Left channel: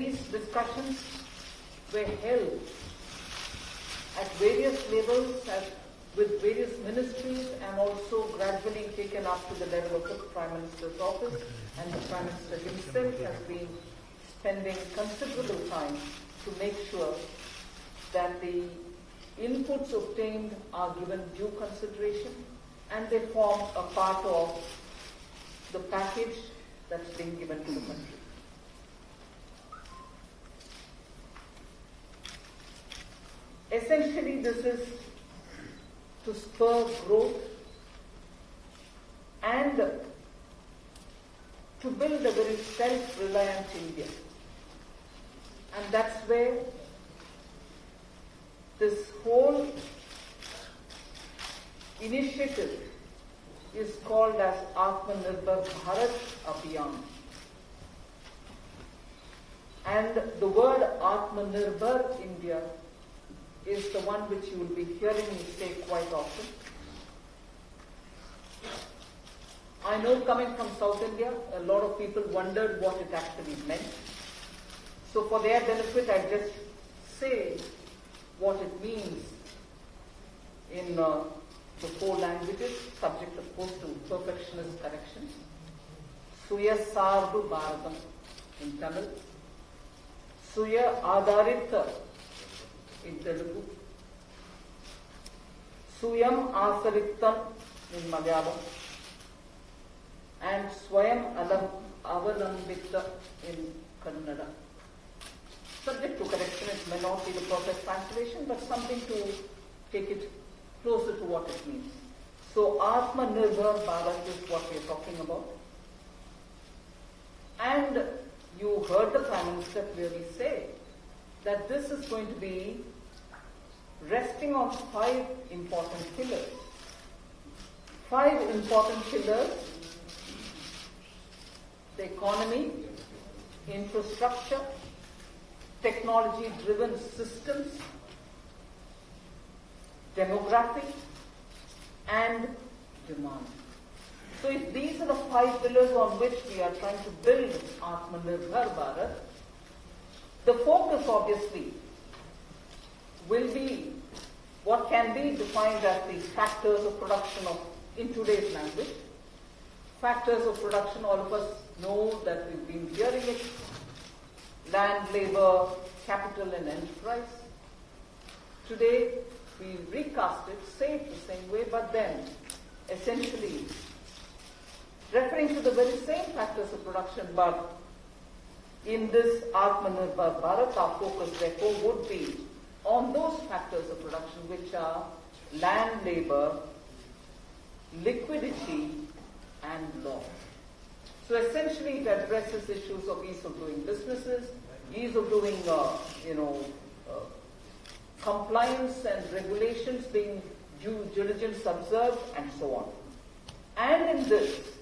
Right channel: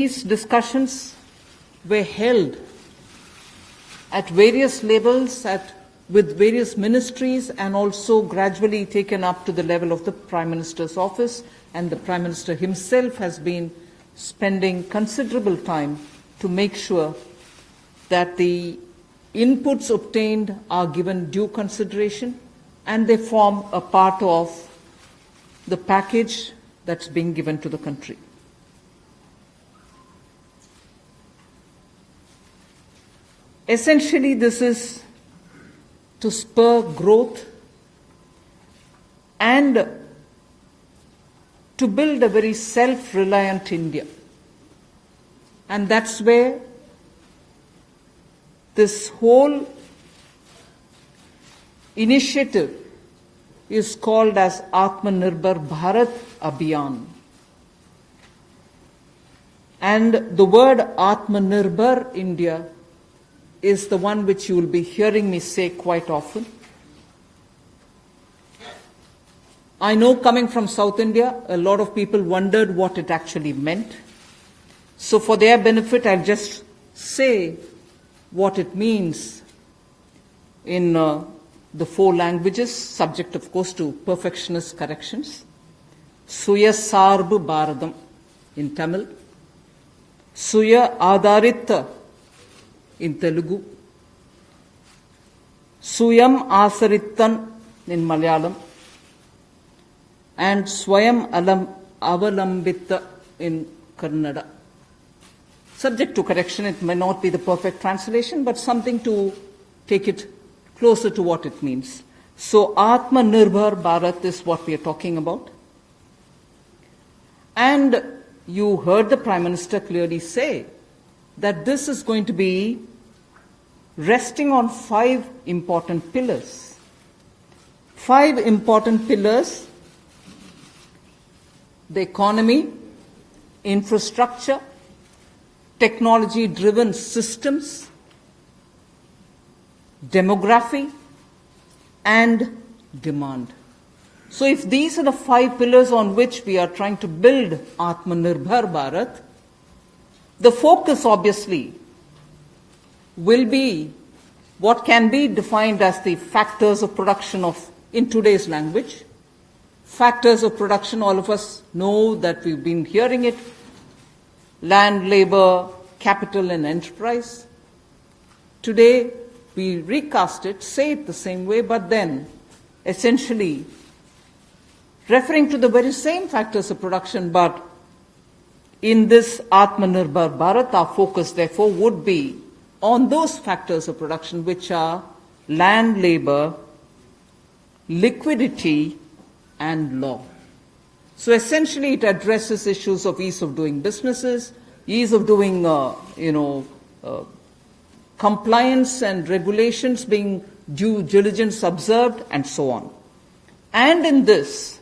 These discussions were held at various levels with various ministries and also gradually taken up to the level of the Prime Minister's office, and the Prime Minister himself has been spending considerable time to make sure that the inputs obtained are given due consideration and they form a part of the package that's being given to the country. Essentially, this is to spur growth and to build a very self-reliant India. And that's where this whole initiative is called as Atmanirbhar Bharat Abhiyan. And the word Atmanirbhar India is the one which you will be hearing me say quite often. I know, coming from South India, a lot of people wondered what it actually meant. So for their benefit, I'll just say what it means in the 4 languages, subject of course to perfectionist corrections. Suya Sarbu Bharadam in Tamil, Suya Adharita in Telugu, Suyam Asarittan in Malayalam, and Swayam Avalambita in Kannada. Subject to correction, it may not be the perfect translation, but something to take it closer to what it means. So Atmanirbhar Bharat is what we are talking about. And you heard the Prime Minister clearly say that this is going to be resting on 5 important pillars. 5 important pillars: the economy, infrastructure, technology-driven systems, demography, and demand. So if these are the 5 pillars on which we are trying to build Atmanirbhar Bharat, the focus obviously will be what can be defined as the factors of production in today's language. Factors of production, all of us know that we've been hearing it: land, labor, capital, and enterprise. Today, we recast it, say it the same way, but then essentially referring to the very same factors of production, but in this Atmanirbhar Bharat, our focus therefore would be on those factors of production which are land, labor, liquidity, and law. So essentially it addresses issues of ease of doing businesses, ease of doing compliance and regulations being due diligence observed, and so on. And in this,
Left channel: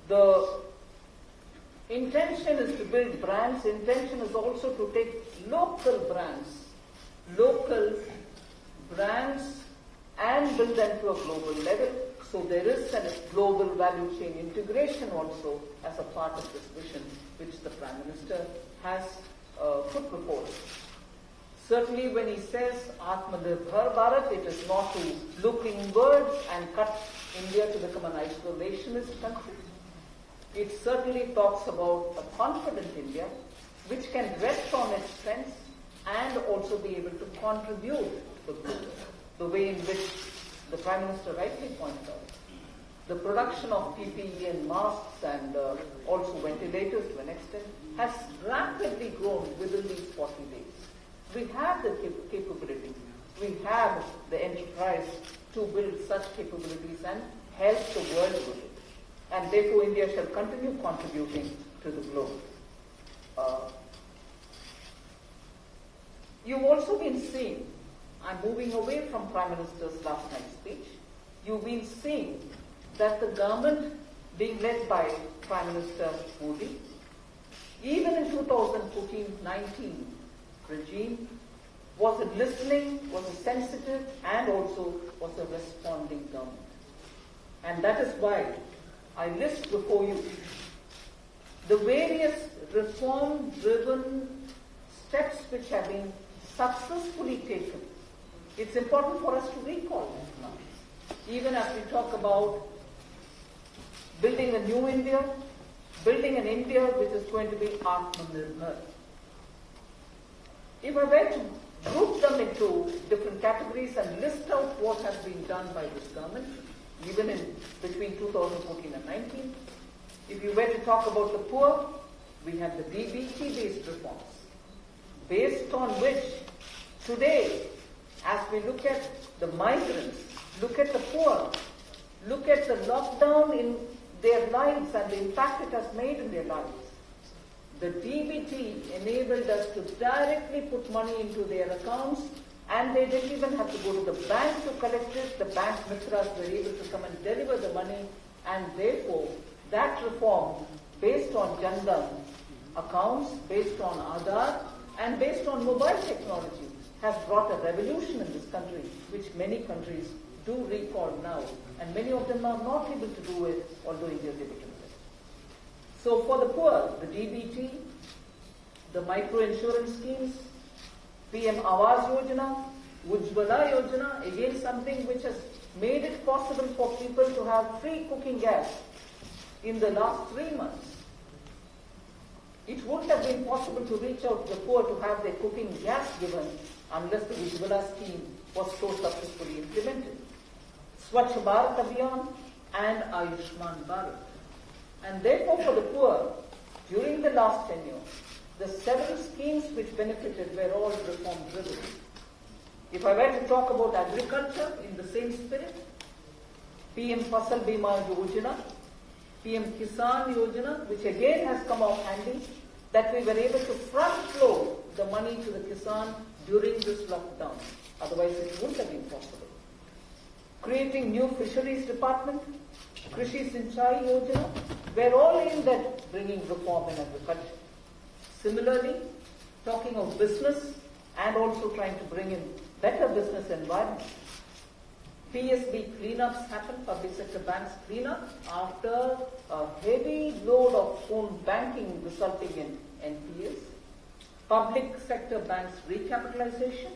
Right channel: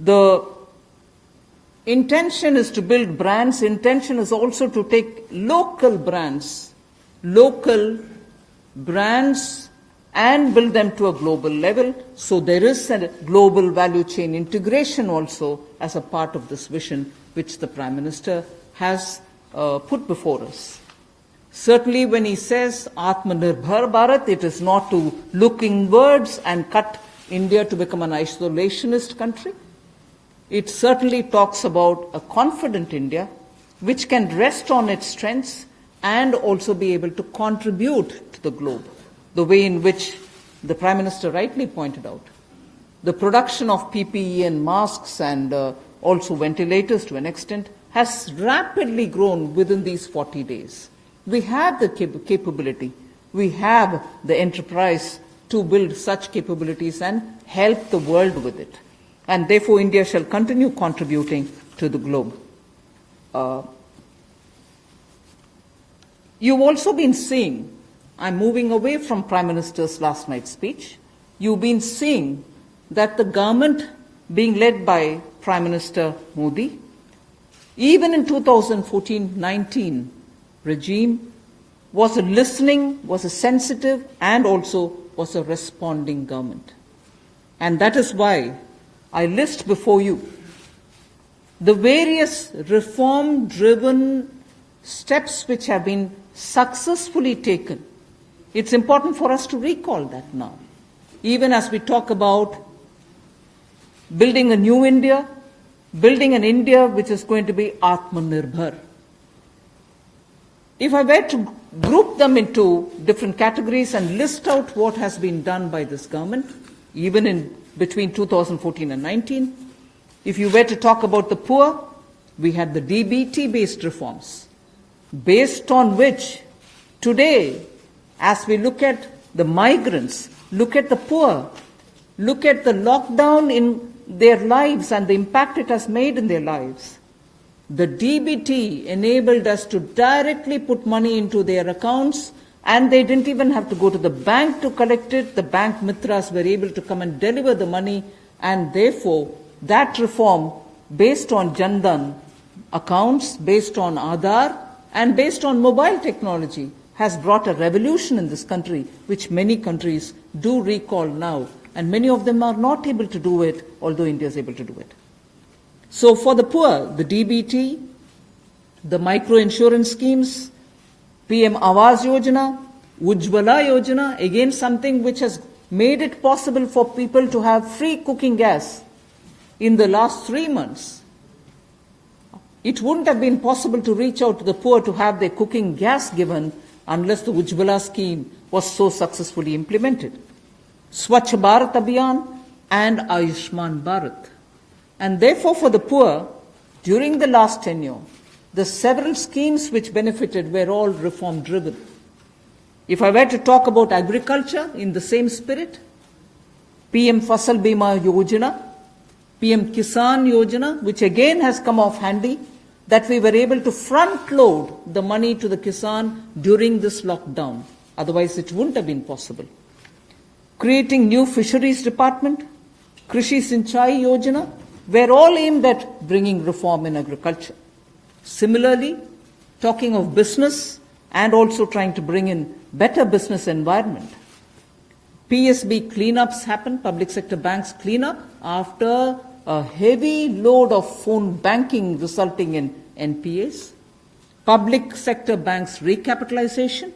the intention is to build brands. Intention is also to take local brands, and build them to a global level. So there is a global value chain integration also as a part of this vision which the Prime Minister has put before us. Certainly when he says Atmanirbhar Bharat, it is not to look inwards and cut India to become an isolationist country. It certainly talks about a confident India which can rest on its strengths and also be able to contribute to the globe, the way in which the Prime Minister rightly pointed out. The production of PPE and masks and also ventilators to an extent has rapidly grown within these 40 days. We have the capability, we have the enterprise to build such capabilities and help the world with it. And therefore India shall continue contributing to the globe. You've also been seeing, I'm moving away from Prime Minister's last night's speech, you've been seeing that the government being led by Prime Minister Modi, even in 2014-19 regime, was a listening, was a sensitive, and also was a responding government. And that is why I list before you the various reform-driven steps which have been successfully taken. It's important for us to recall that now. Even as we talk about building a new India, building an India which is going to be Atmanirbhar. If I were to group them into different categories and list out what has been done by this government, even in between 2014 and 19, if you were to talk about the poor, we had the DBT-based reforms, based on which today, as we look at the migrants, look at the poor, look at the lockdown in their lives and the impact it has made in their lives, the DBT enabled us to directly put money into their accounts, and they didn't even have to go to the bank to collect it. The bank mitras were able to come and deliver the money, and therefore that reform based on Jan Dhan accounts, based on Aadhaar, and based on mobile technology has brought a revolution in this country, which many countries do recall now, and many of them are not able to do it, although India is able to do it. So for the poor, the DBT, the micro-insurance schemes, PM Awas Yojana, Ujjwala Yojana, again something which has made it possible for people to have free cooking gas in the last 3 months. It wouldn't have been possible to reach out to the poor to have their cooking gas given unless the Ujjwala scheme was so successfully implemented. Swachh Bharat Abhiyan and Ayushman Bharat. And therefore for the poor, during the last tenure, the several schemes which benefited were all reform driven. If I were to talk about agriculture in the same spirit, PM Fasal Bima Yojana, PM Kisan Yojana, which again has come off handy, that we were able to front load the money to the Kisan during this lockdown. Otherwise it wouldn't have been possible. Creating new fisheries department, Krishi Sinchai Yojana, were all aimed at bringing reform in agriculture. Similarly, talking of business and also trying to bring in better business environment. PSB cleanups happened, public sector banks cleanup, after a heavy load of phone banking resulting in NPAs. Public sector banks recapitalization,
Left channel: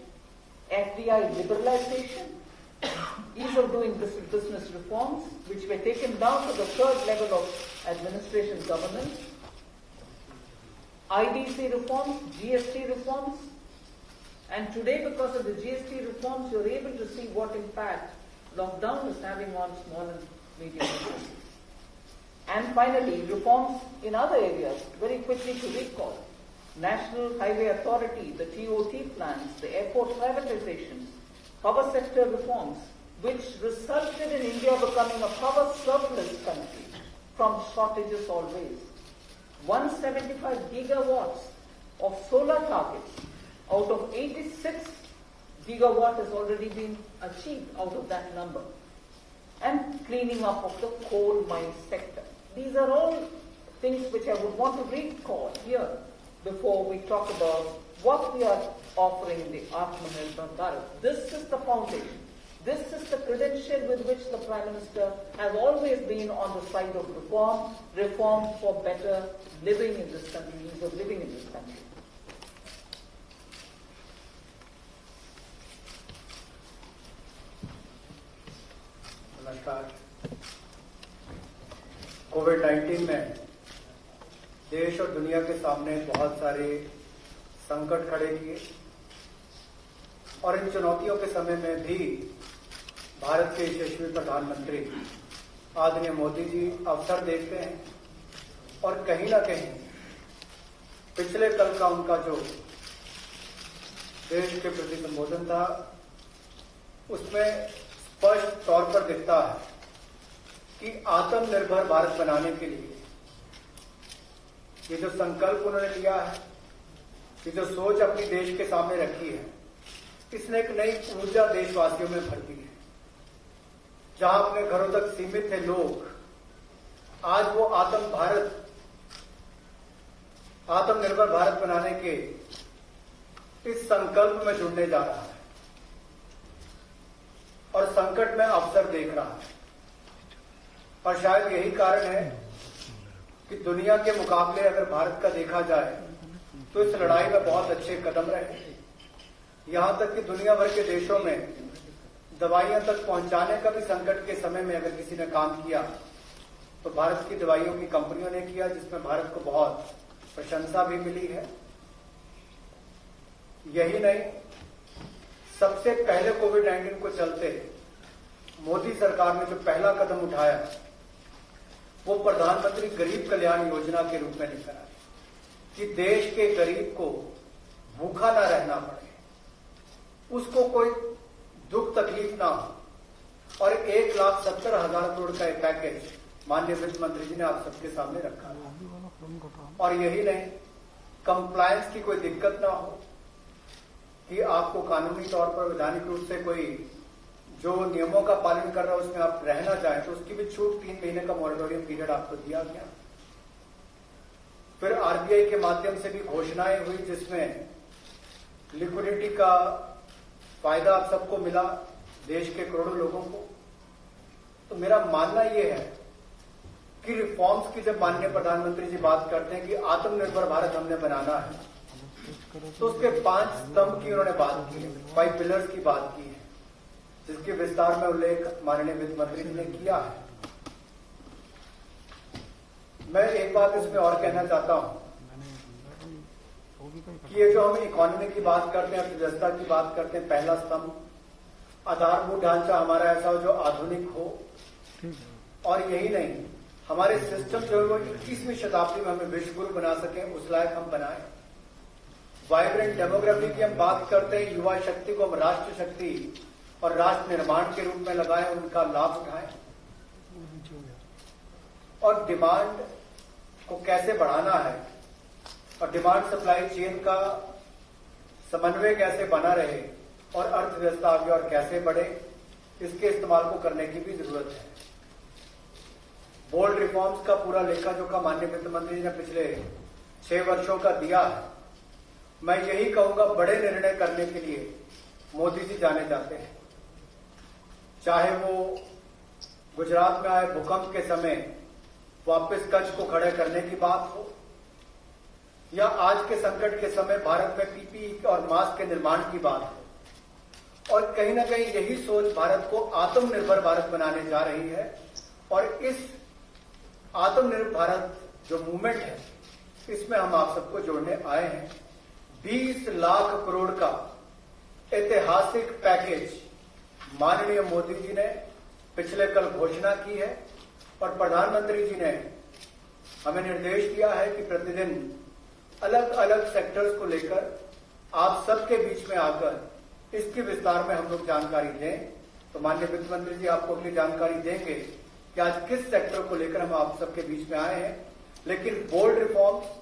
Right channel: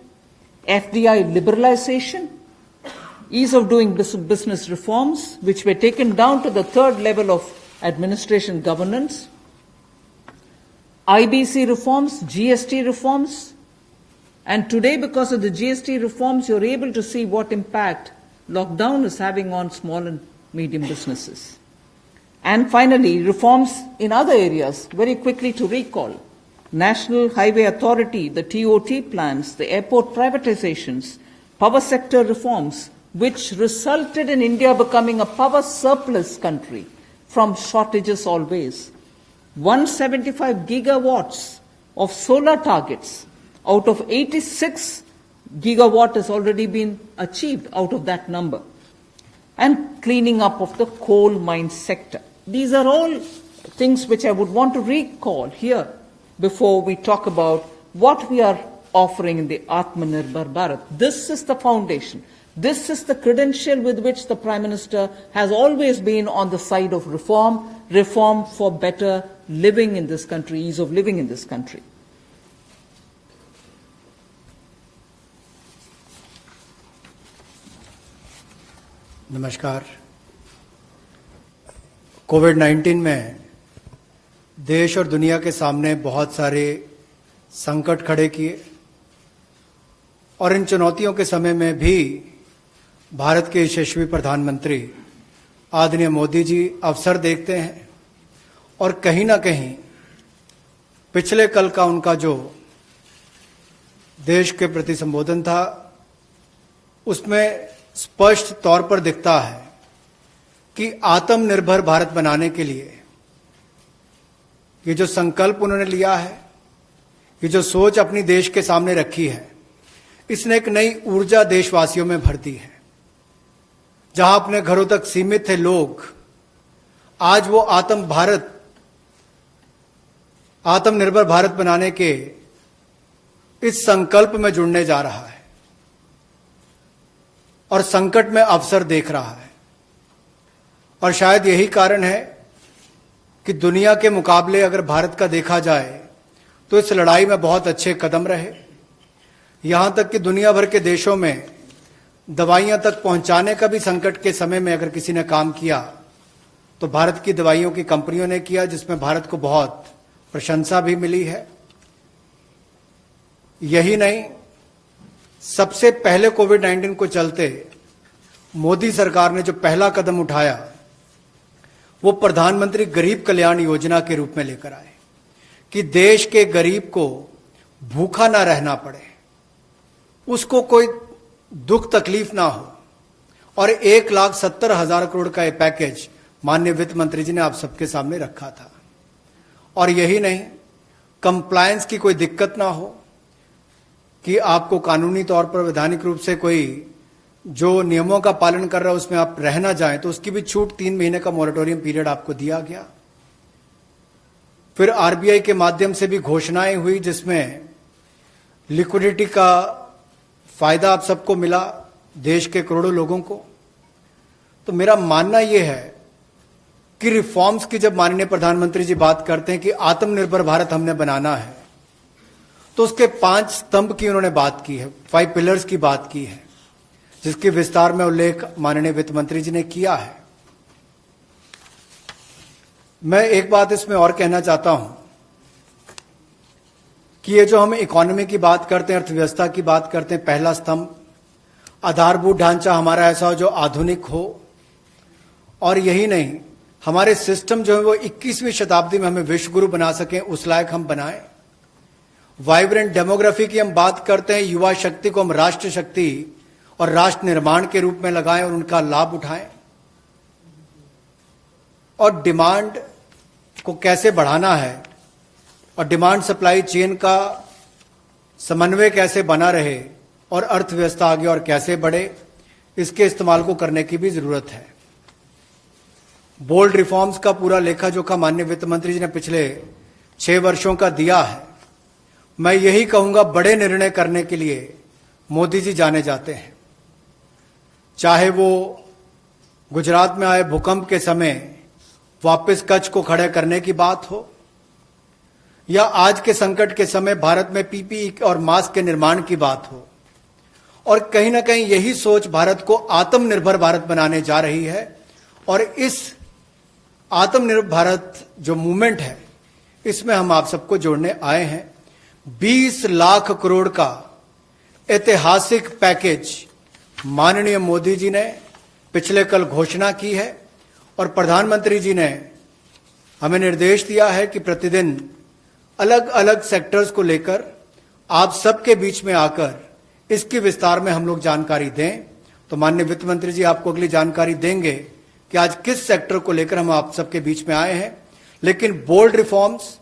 FDI liberalization, ease of doing business reforms, which were taken down to the third level of administration governance, IBC reforms, GST reforms, and today because of the GST reforms, you're able to see what impact lockdown is having on small and medium businesses. And finally, reforms in other areas, very quickly to recall. National Highway Authority, the TOT plans, the airport privatizations, power sector reforms, which resulted in India becoming a power surplus country from shortages always. 175 gigawatts of solar targets out of 86 gigawatt has already been achieved out of that number. And cleaning up of the coal mine sector. These are all things which I would want to recall here before we talk about what we are offering in the Atmanirbhar Bharat. This is the foundation. This is the credential with which the Prime Minister has always been on the side of reform, reform for better living in this country, ease of living in this country. नमस्कार। कोविड-19 में देश और दुनिया के सामने बहुत सारे संकट खड़े किए और इन चुनौतियों के समय में भी भारत के यशस्वी प्रधानमंत्री आदरणीय मोदी जी अवसर देखते हैं और कहीं ना कहीं पिछले कल का उनका जो देश के प्रति संबोधन था उसमें स्पष्ट तौर पर दिखता है कि आत्मनिर्भर भारत बनाने के लिए ये जो संकल्प उन्होंने लिया है, ये जो सोच अपनी देश के सामने रखी है, इसने एक नई ऊर्जा देशवासियों में भर दी है। जहां अपने घरों तक सीमित थे लोग, आज वो आत्मनिर्भर भारत बनाने के इस संकल्प में जुड़ने जा रहा है और संकट में अवसर देख रहा है। और शायद यही कारण है कि दुनिया के मुकाबले अगर भारत का देखा जाए तो इस लड़ाई में बहुत अच्छे कदम रहे। यहां तक कि दुनिया भर के देशों में दवाइयां तक पहुंचाने का भी संकट के समय में अगर किसी ने काम किया तो भारत की दवाइयों की कंपनियों ने किया, जिसमें भारत को बहुत प्रशंसा भी मिली है। यही नहीं, सबसे पहले कोविड-19 को चलते मोदी सरकार ने जो पहला कदम उठाया वो प्रधानमंत्री गरीब कल्याण योजना के रूप में लेकर आए कि देश के गरीब को भूखा ना रहना पड़े, उसको कोई दुख तकलीफ ना हो। और 1,70,000 करोड़ का ये पैकेज माननीय वित्त मंत्री जी ने आप सबके सामने रखा था। और यही नहीं, कंप्लायंस की कोई दिक्कत ना हो कि आपको कानूनी तौर पर वैधानिक रूप से कोई जो नियमों का पालन कर रहा है उसमें आप रह ना जाएं, तो उसकी भी छूट 3 महीने का मॉरेटोरियम पीरियड आपको दिया गया। फिर आरबीआई के माध्यम से भी घोषणाएं हुई जिसमें लिक्विडिटी का फायदा आप सबको मिला, देश के करोड़ों लोगों को। तो मेरा मानना यह है कि रिफॉर्म्स की जब माननीय प्रधानमंत्री जी बात करते हैं कि आत्मनिर्भर भारत हमने बनाना है, तो उसके 5 स्तंभ की उन्होंने बात की है, 5 पिलर्स की बात की है, जिसके विस्तार में उल्लेख माननीय वित्त मंत्री जी ने किया है। मैं एक बात इसमें और कहना चाहता हूं कि ये जो हम इकोनॉमी की बात करते हैं, अर्थव्यवस्था की बात करते हैं, पहला स्तंभ आधारभूत ढांचा हमारा ऐसा हो जो आधुनिक हो। और यही नहीं, हमारे सिस्टम जो है वो 21वीं शताब्दी में हमें विश्व गुरु बना सकें, उस लायक हम बनाएं। वाइब्रेंट डेमोग्राफी की हम बात करते हैं, युवा शक्ति को हम राष्ट्र शक्ति और राष्ट्र निर्माण के रूप में लगाएं और उनका लाभ उठाएं। और डिमांड को कैसे बढ़ाना है और डिमांड सप्लाई चेन का समन्वय कैसे बना रहे और अर्थव्यवस्था आगे और कैसे बढ़े, इसके इस्तेमाल को करने की भी जरूरत है। बोल्ड रिफॉर्म्स का पूरा लेखा जोखा माननीय वित्त मंत्री जी ने पिछले 6 वर्षों का दिया है। मैं यही कहूंगा, बड़े निर्णय करने के लिए मोदी जी जाने जाते हैं। चाहे वो गुजरात में आए भूकंप के समय वापस कच्छ को खड़े करने की बात हो, या आज के संकट के समय भारत में पीपीई और मास्क के निर्माण की बात हो। और कहीं ना कहीं यही सोच भारत को आत्मनिर्भर भारत बनाने जा रही है। और इस आत्मनिर्भर भारत जो मूवमेंट है, इसमें हम आप सबको जोड़ने आए हैं। 20 लाख करोड़ का ऐतिहासिक पैकेज माननीय मोदी जी ने पिछले कल घोषणा की है और प्रधानमंत्री जी ने हमें निर्देश दिया है कि प्रतिदिन अलग अलग सेक्टर्स को लेकर आप सबके बीच में आकर इसके विस्तार में हम लोग जानकारी दें। तो माननीय वित्त मंत्री जी आपको अगली जानकारी देंगे कि आज किस सेक्टर को लेकर हम आप सबके बीच में आए हैं। लेकिन बोल्ड रिफॉर्म्स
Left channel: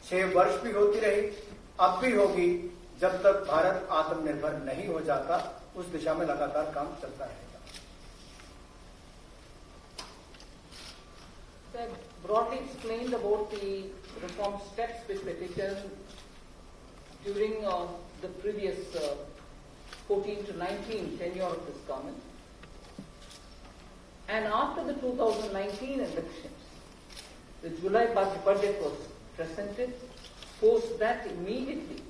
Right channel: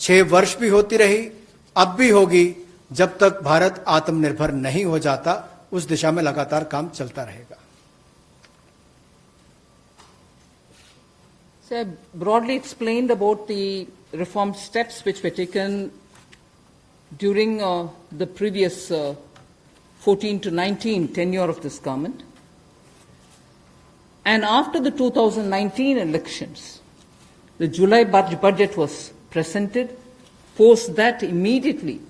6 वर्ष भी होती रही, अब भी होगी, जब तक भारत आत्मनिर्भर नहीं हो जाता। उस दिशा में लगातार काम चलता रहेगा। So I broadly explained about the reform steps which were taken during the previous 14 to 19 tenure of this government. And after the 2019 elections, the July budget was presented. Post that, immediately,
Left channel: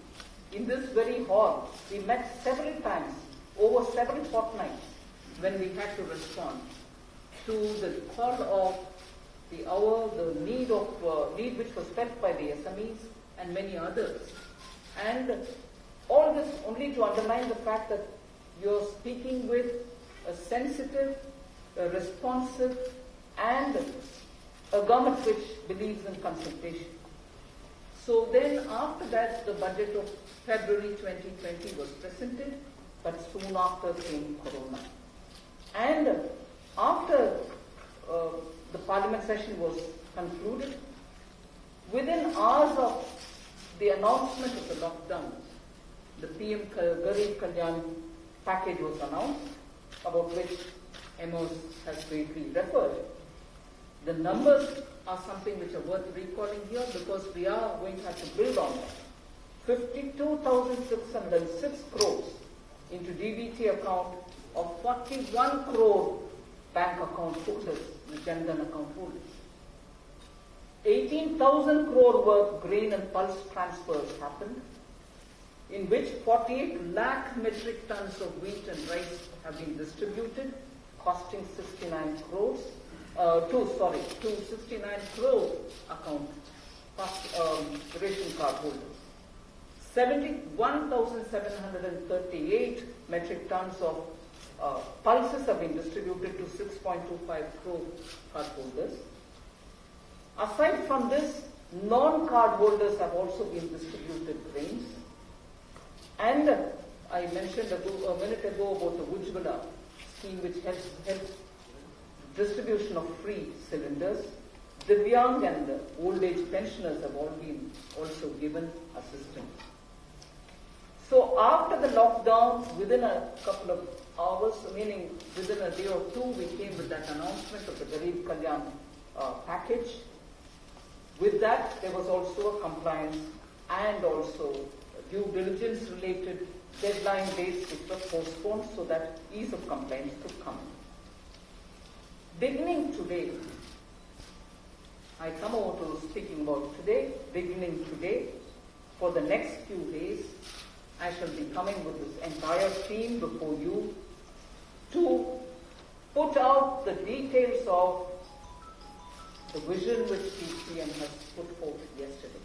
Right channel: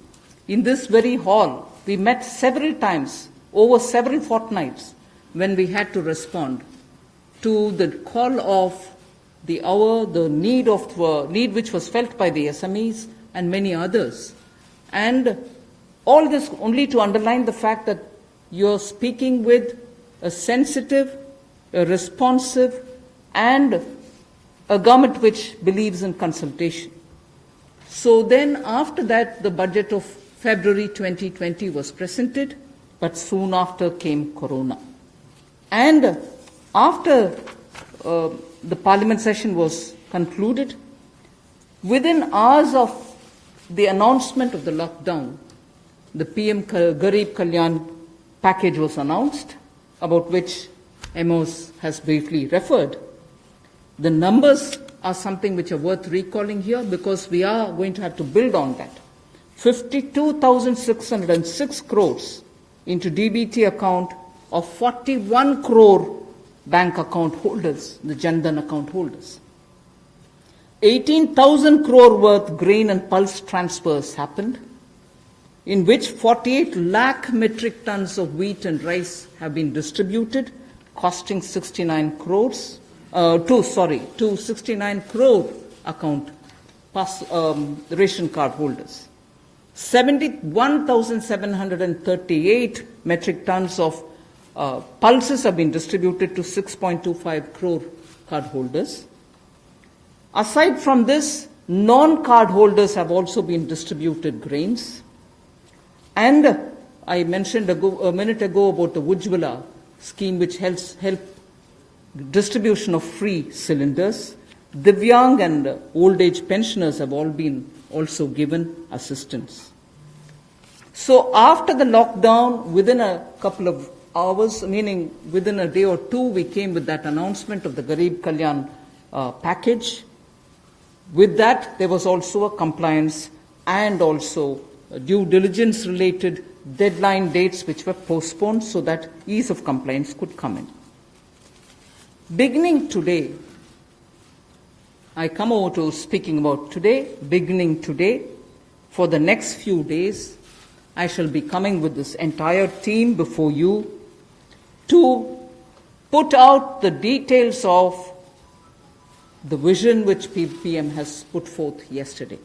in this very hall, we met several times over several fortnights when we had to respond to the call of the hour, the need which was felt by the SMEs and many others. And all this only to underline the fact that you're speaking with a sensitive, a responsive, and a government which believes in consultation. So then after that, the budget of February 2020 was presented, but soon after came Corona. And after the parliament session was concluded, within hours of the announcement of the lockdown, the PM Garib Kalyan package was announced, about which Amos has briefly referred. The numbers are something which are worth recalling here because we are going to have to build on that. 52,606 crores into DBT account of 41 crore bank account holders, the Jan Dhan account holders. 18,000 crore worth grain and pulse transfers happened, in which 48 lakh metric tons of wheat and rice have been distributed, costing 69 crores, to 69 crore account ration card holders. 71,738 metric tons of pulses have been distributed to 6.25 crore card holders. Aside from this, non-card holders have also been distributed grains. And I mentioned a minute ago about the Ujjwala scheme, which helps distribution of free cylinders. Divyang and old age pensioners have all been also given assistance. So after the lockdown, within a couple of hours, meaning within a day or two, we came with that announcement of the Garib Kalyan package. With that, there was also a compliance and also due diligence related deadline dates which were postponed so that ease of compliance could come in. Beginning today, I come over to speaking about today. Beginning today, for the next few days, I shall be coming with this entire team before you to put out the details of the vision which PM has put forth yesterday.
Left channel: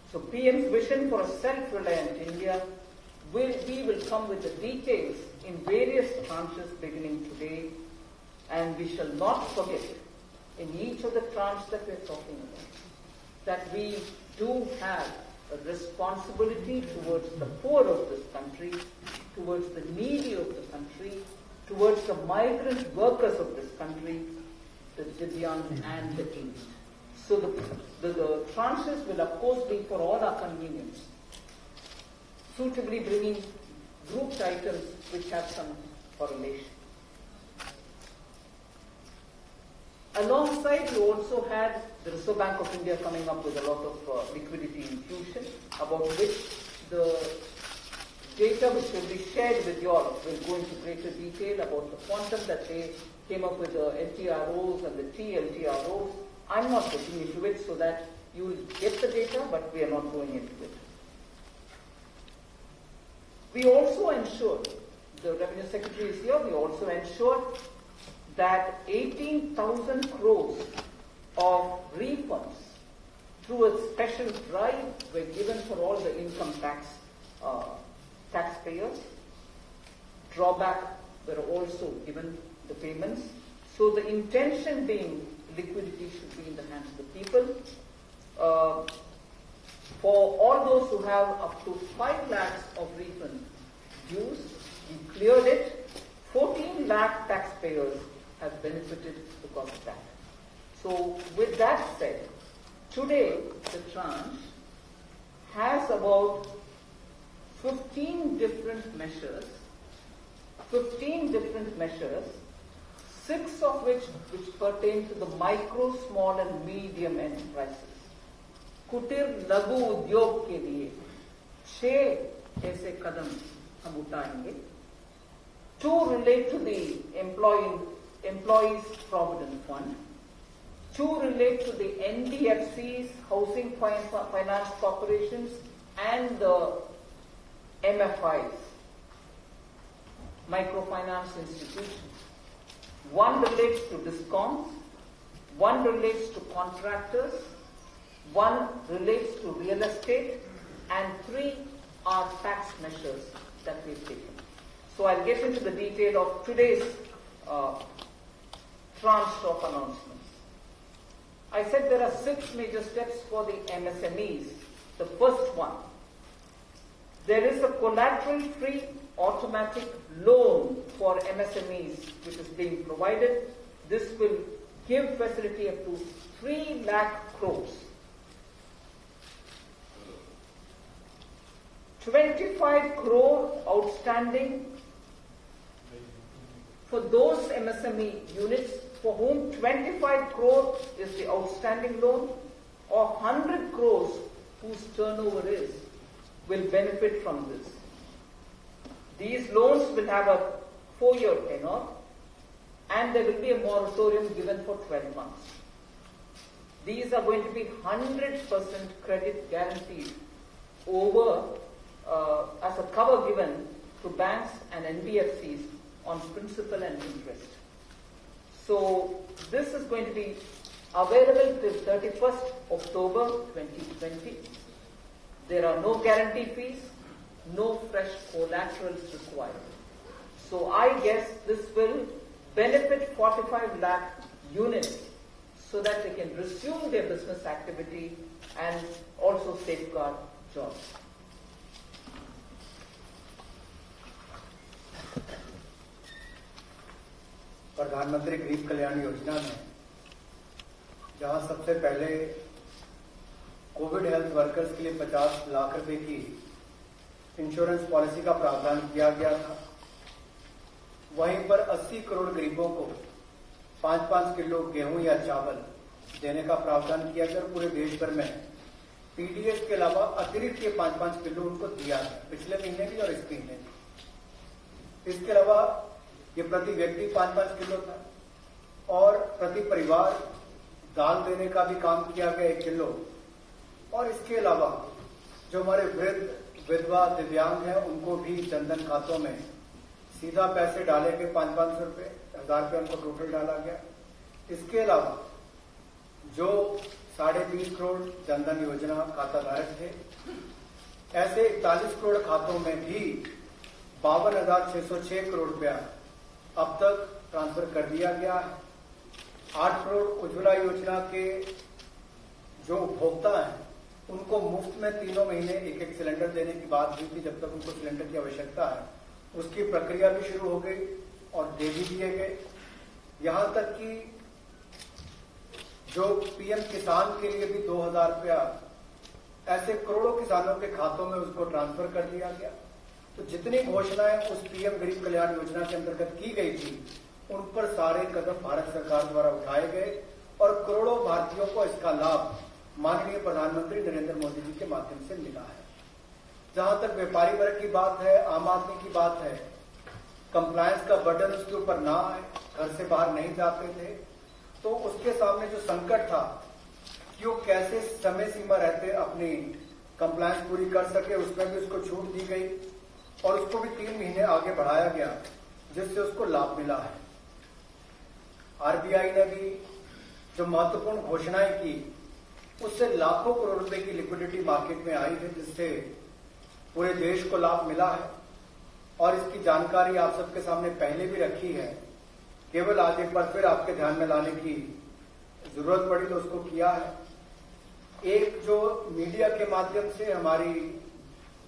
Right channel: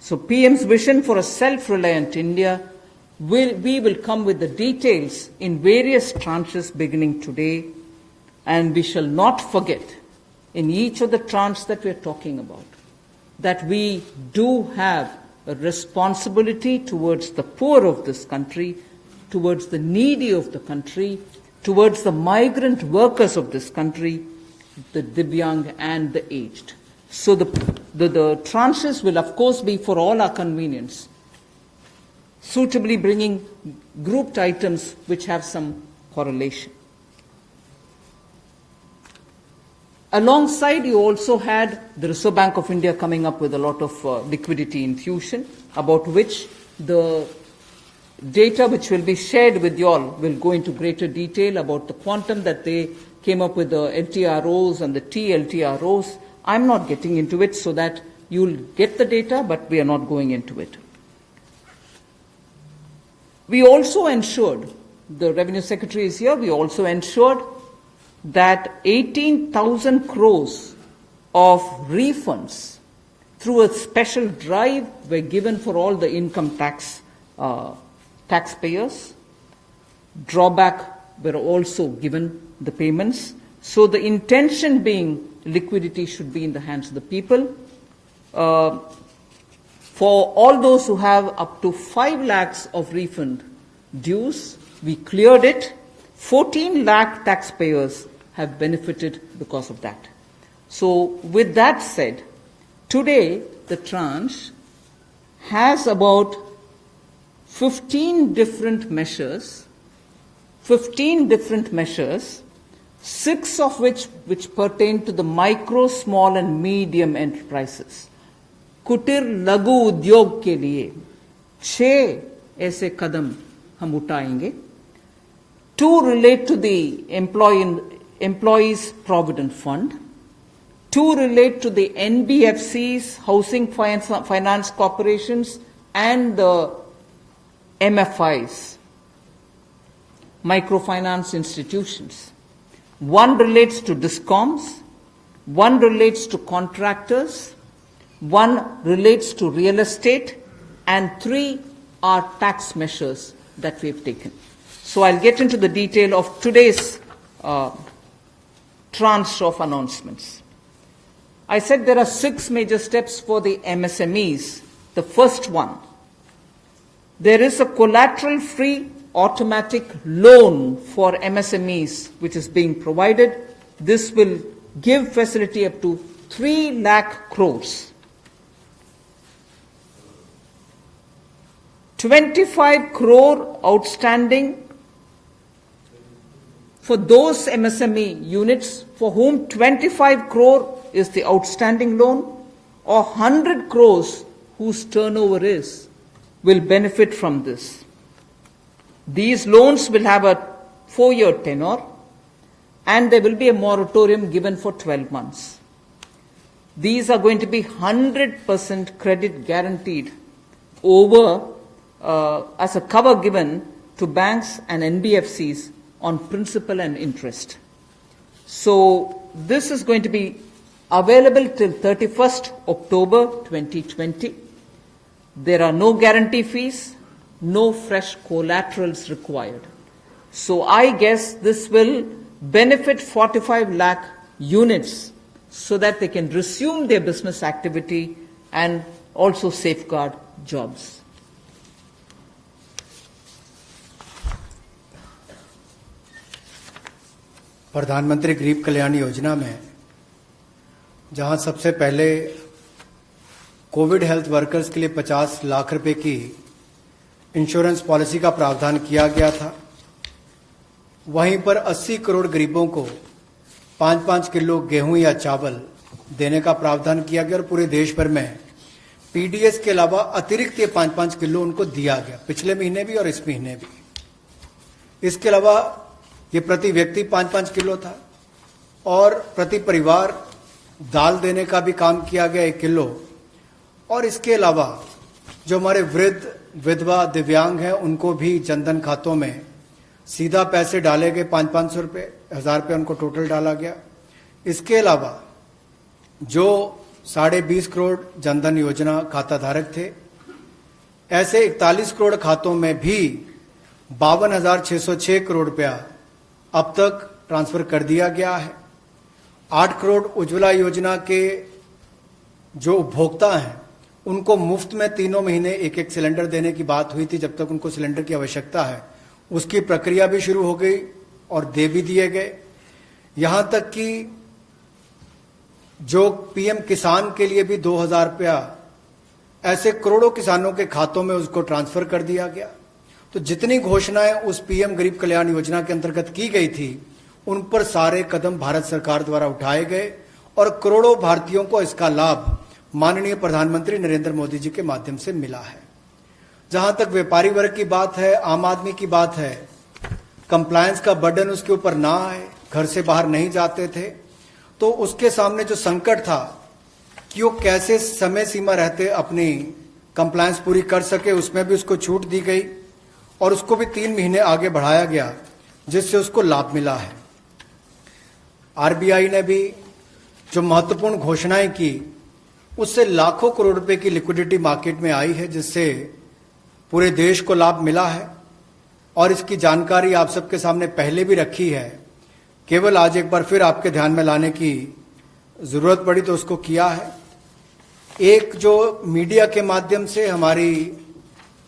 So PM's vision for a self-reliant India, we will come with the details in various tranches beginning today, and we shall not forget in each of the tranches that we are talking about that we do have a responsibility towards the poor of this country, towards the needy of the country, towards the migrant workers of this country, the Divyang and the aged. So the tranches will of course be for all our convenience, suitably bringing grouped items which have some correlation. Alongside, you also had the Reserve Bank of India coming up with a lot of liquidity infusion, about which the data which will be shared with you all will go into greater detail about the quantum that they came up with, the LTROs and the TLTROs. I'm not getting into it so that you'll get the data, but we are not going into it. We also ensured, the Revenue Secretary is here, we also ensured that 18,000 crores of refunds through a special drive were given for all the income taxpayers. Drawback were also given the payments. So the intention being liquidity should be in the hands of the people. For all those who have up to 5 lakhs of refund dues, we cleared it. 14 lakh taxpayers have benefited because of that. So with that said, today the tranche has about 15 different measures, 6 of which pertain to the micro, small and medium enterprises. कुटीर लघु उद्योग के लिए 6 ऐसे कदम हम उठाएंगे. 2 relate to the Employees Provident Fund. 2 relate to the NBFCs, Housing Finance Corporations, and the MFIs, microfinance institutions. 1 relates to DISCOMs, 1 relates to contractors, 1 relates to real estate, and 3 are tax measures that we've taken. So I'll get into the detail of today's tranche of announcements. I said there are 6 major steps for the MSMEs. The first one, there is a collateral-free automatic loan for MSMEs which is being provided. This will give facility up to 3 lakh crores. 25 crore outstanding for those MSME units for whom 25 crore is the outstanding loan, or 100 crores whose turnover will benefit from this. These loans will have a 4-year tenure, and there will be a moratorium given for 12 months. These are going to be 100% credit guaranteed over as a cover given to banks and NBFCs on principal and interest. So this is going to be available till 31st October 2020. There are no guarantee fees, no fresh collaterals required. So I guess this will benefit 45 lakh units so that they can resume their business activity and also safeguard jobs. प्रधानमंत्री गरीब कल्याण योजना में जहां सबसे पहले Covid health workers के लिए 50 लाख रुपए की इंश्योरेंस पॉलिसी का प्रावधान किया गया था, वहीं पर 80 करोड़ गरीबों को 5-5 किलो गेहूं या चावल देने का प्रावधान किया गया और पूरे देश भर में पीडीएस के अलावा अतिरिक्त ये 5-5 किलो उनको दिया गया, पिछले महीने भी और इस महीने भी। इसके अलावा ये प्रति व्यक्ति 5-5 किलो था और प्रति परिवार दाल देने का भी काम किया गया 1 किलो। और इसके अलावा जो हमारे वृद्ध, विधवा, दिव्यांग हैं उनको भी जनधन खातों में सीधा पैसे डाले गए, 500-500 रुपये, 1000 रुपये उनको टोटल डाला गया। इसके अलावा जो 20.5 करोड़ जनधन योजना खाता धारक थे, ऐसे 41 करोड़ खातों में भी 52,606 करोड़ रुपया अब तक ट्रांसफर कर दिया गया है। 8 करोड़ उज्ज्वला योजना के जो उपभोक्ता हैं उनको मुफ्त में 3 महीने एक सिलेंडर देने की बात हुई थी, जब तक उनको सिलेंडर की आवश्यकता है। उसकी प्रक्रिया भी शुरू हो गई और दे भी दिए गए। यहां तक कि जो पीएम किसान के लिए भी 2,000 रुपया ऐसे करोड़ों किसानों के खातों में उसको ट्रांसफर कर दिया गया। तो जितनी घोषणाएं उस पीएम गरीब कल्याण योजना के अंतर्गत की गई थी, उन पर सारे कदम भारत सरकार द्वारा उठाए गए और करोड़ों भारतीयों को इसका लाभ माननीय प्रधानमंत्री नरेंद्र मोदी जी के माध्यम से मिला है। जहां तक व्यापारी वर्ग की बात है, आम आदमी की बात है, कंप्लायंस का बर्डन उसके ऊपर ना आए, घर से बाहर नहीं जाते थे, तो उसके सामने जो संकट था कि वो कैसे समय सीमा रहते अपनी कंप्लायंस पूरी कर सके, उसमें भी उसको छूट दी गई और उसको भी 3 महीने आगे बढ़ाया गया, जिससे उसको लाभ मिला है। आरबीआई ने भी जो महत्वपूर्ण घोषणाएं की, उससे लाखों करोड़ रुपए की लिक्विडिटी मार्केट में आई है, जिससे पूरे देश को लाभ मिला है। और इसकी जानकारी आप सबके सामने पहले भी रखी है, केवल आज एक बार फिर आपके ध्यान में लाने की जरूरत पड़ी तो उसको किया है। एक जो मीडिया के माध्यम से हमारी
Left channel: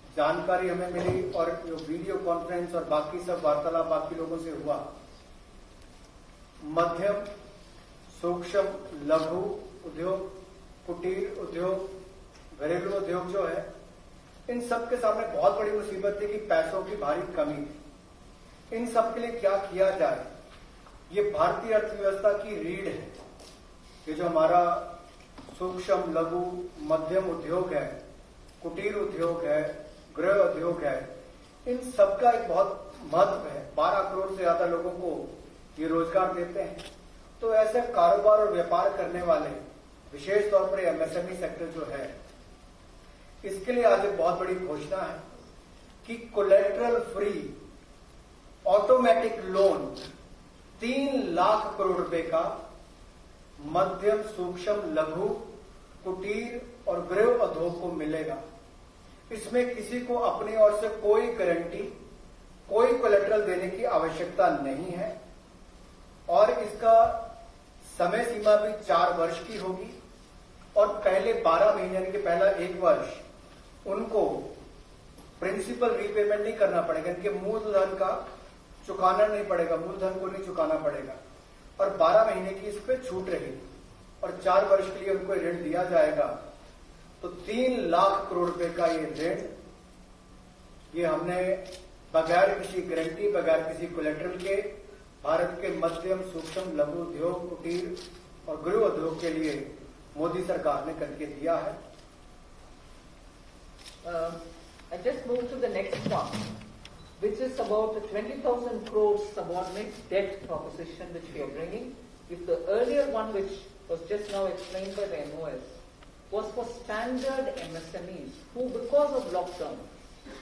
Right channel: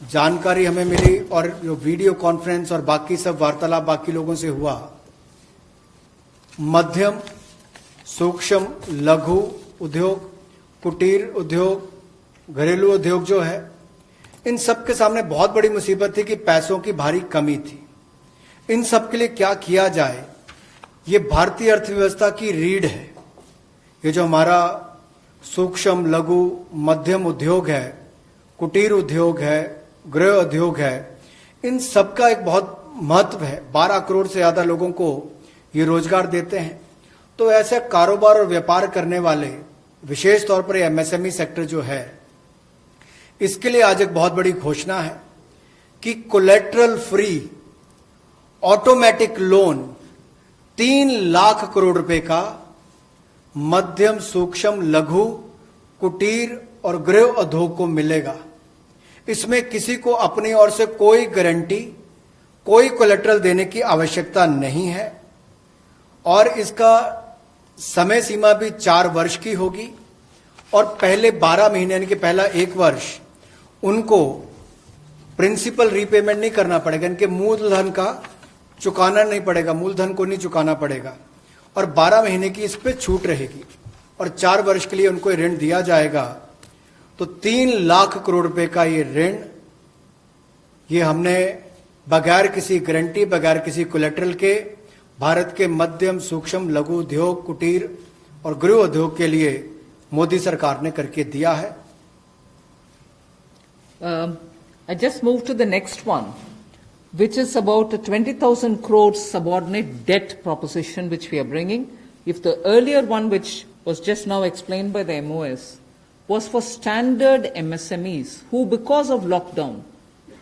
जानकारी हमें मिली और जो वीडियो कॉन्फ्रेंस और बाकी सब वार्तालाप बाकी लोगों से हुआ, मध्यम, सूक्ष्म, लघु उद्योग, कुटीर उद्योग, घरेलू उद्योग जो है, इन सब के सामने बहुत बड़ी मुसीबत थी कि पैसों की भारी कमी थी। इन सब के लिए क्या किया जाए, ये भारतीय अर्थव्यवस्था की रीढ़ है। ये जो हमारा सूक्ष्म, लघु, मध्यम उद्योग है, कुटीर उद्योग है, गृह उद्योग है, इन सब का एक बहुत महत्व है। 12 करोड़ से ज्यादा लोगों को ये रोजगार देते हैं। तो ऐसे कारोबार और व्यापार करने वाले, विशेष तौर पर एमएसएमई सेक्टर जो है, इसके लिए आज एक बहुत बड़ी घोषणा है कि collateral free automatic loan 3 lakh crore रुपए का मध्यम, सूक्ष्म, लघु, कुटीर और गृह उद्योग को मिलेगा। इसमें किसी को अपनी ओर से कोई गारंटी, कोई कोलेटरल देने की आवश्यकता नहीं है और इसका समय सीमा भी 4 वर्ष की होगी और पहले 12 महीने यानी कि पहला 1 वर्ष उनको प्रिंसिपल रीपेमेंट नहीं करना पड़ेगा, इनके मूलधन का चुकाना नहीं पड़ेगा, मूलधन को नहीं चुकाना पड़ेगा और 12 महीने की इस पे छूट रहेगी और 4 वर्ष के लिए उनको ऋण दिया जाएगा। तो 3 लाख करोड़ रुपए का ये ऋण, ये हमने बगैर किसी गारंटी, बगैर किसी कोलेटरल के भारत के मध्यम, सूक्ष्म, लघु उद्योग, कुटीर और गृह उद्योग के लिए मोदी सरकार ने करके दिया है। I just move to the next one, which is about a 20,000 crore subordinate debt proposition which we are bringing. If the earlier one, which was just now explained by the MOS, was for standard MSMEs who, because of lockdown,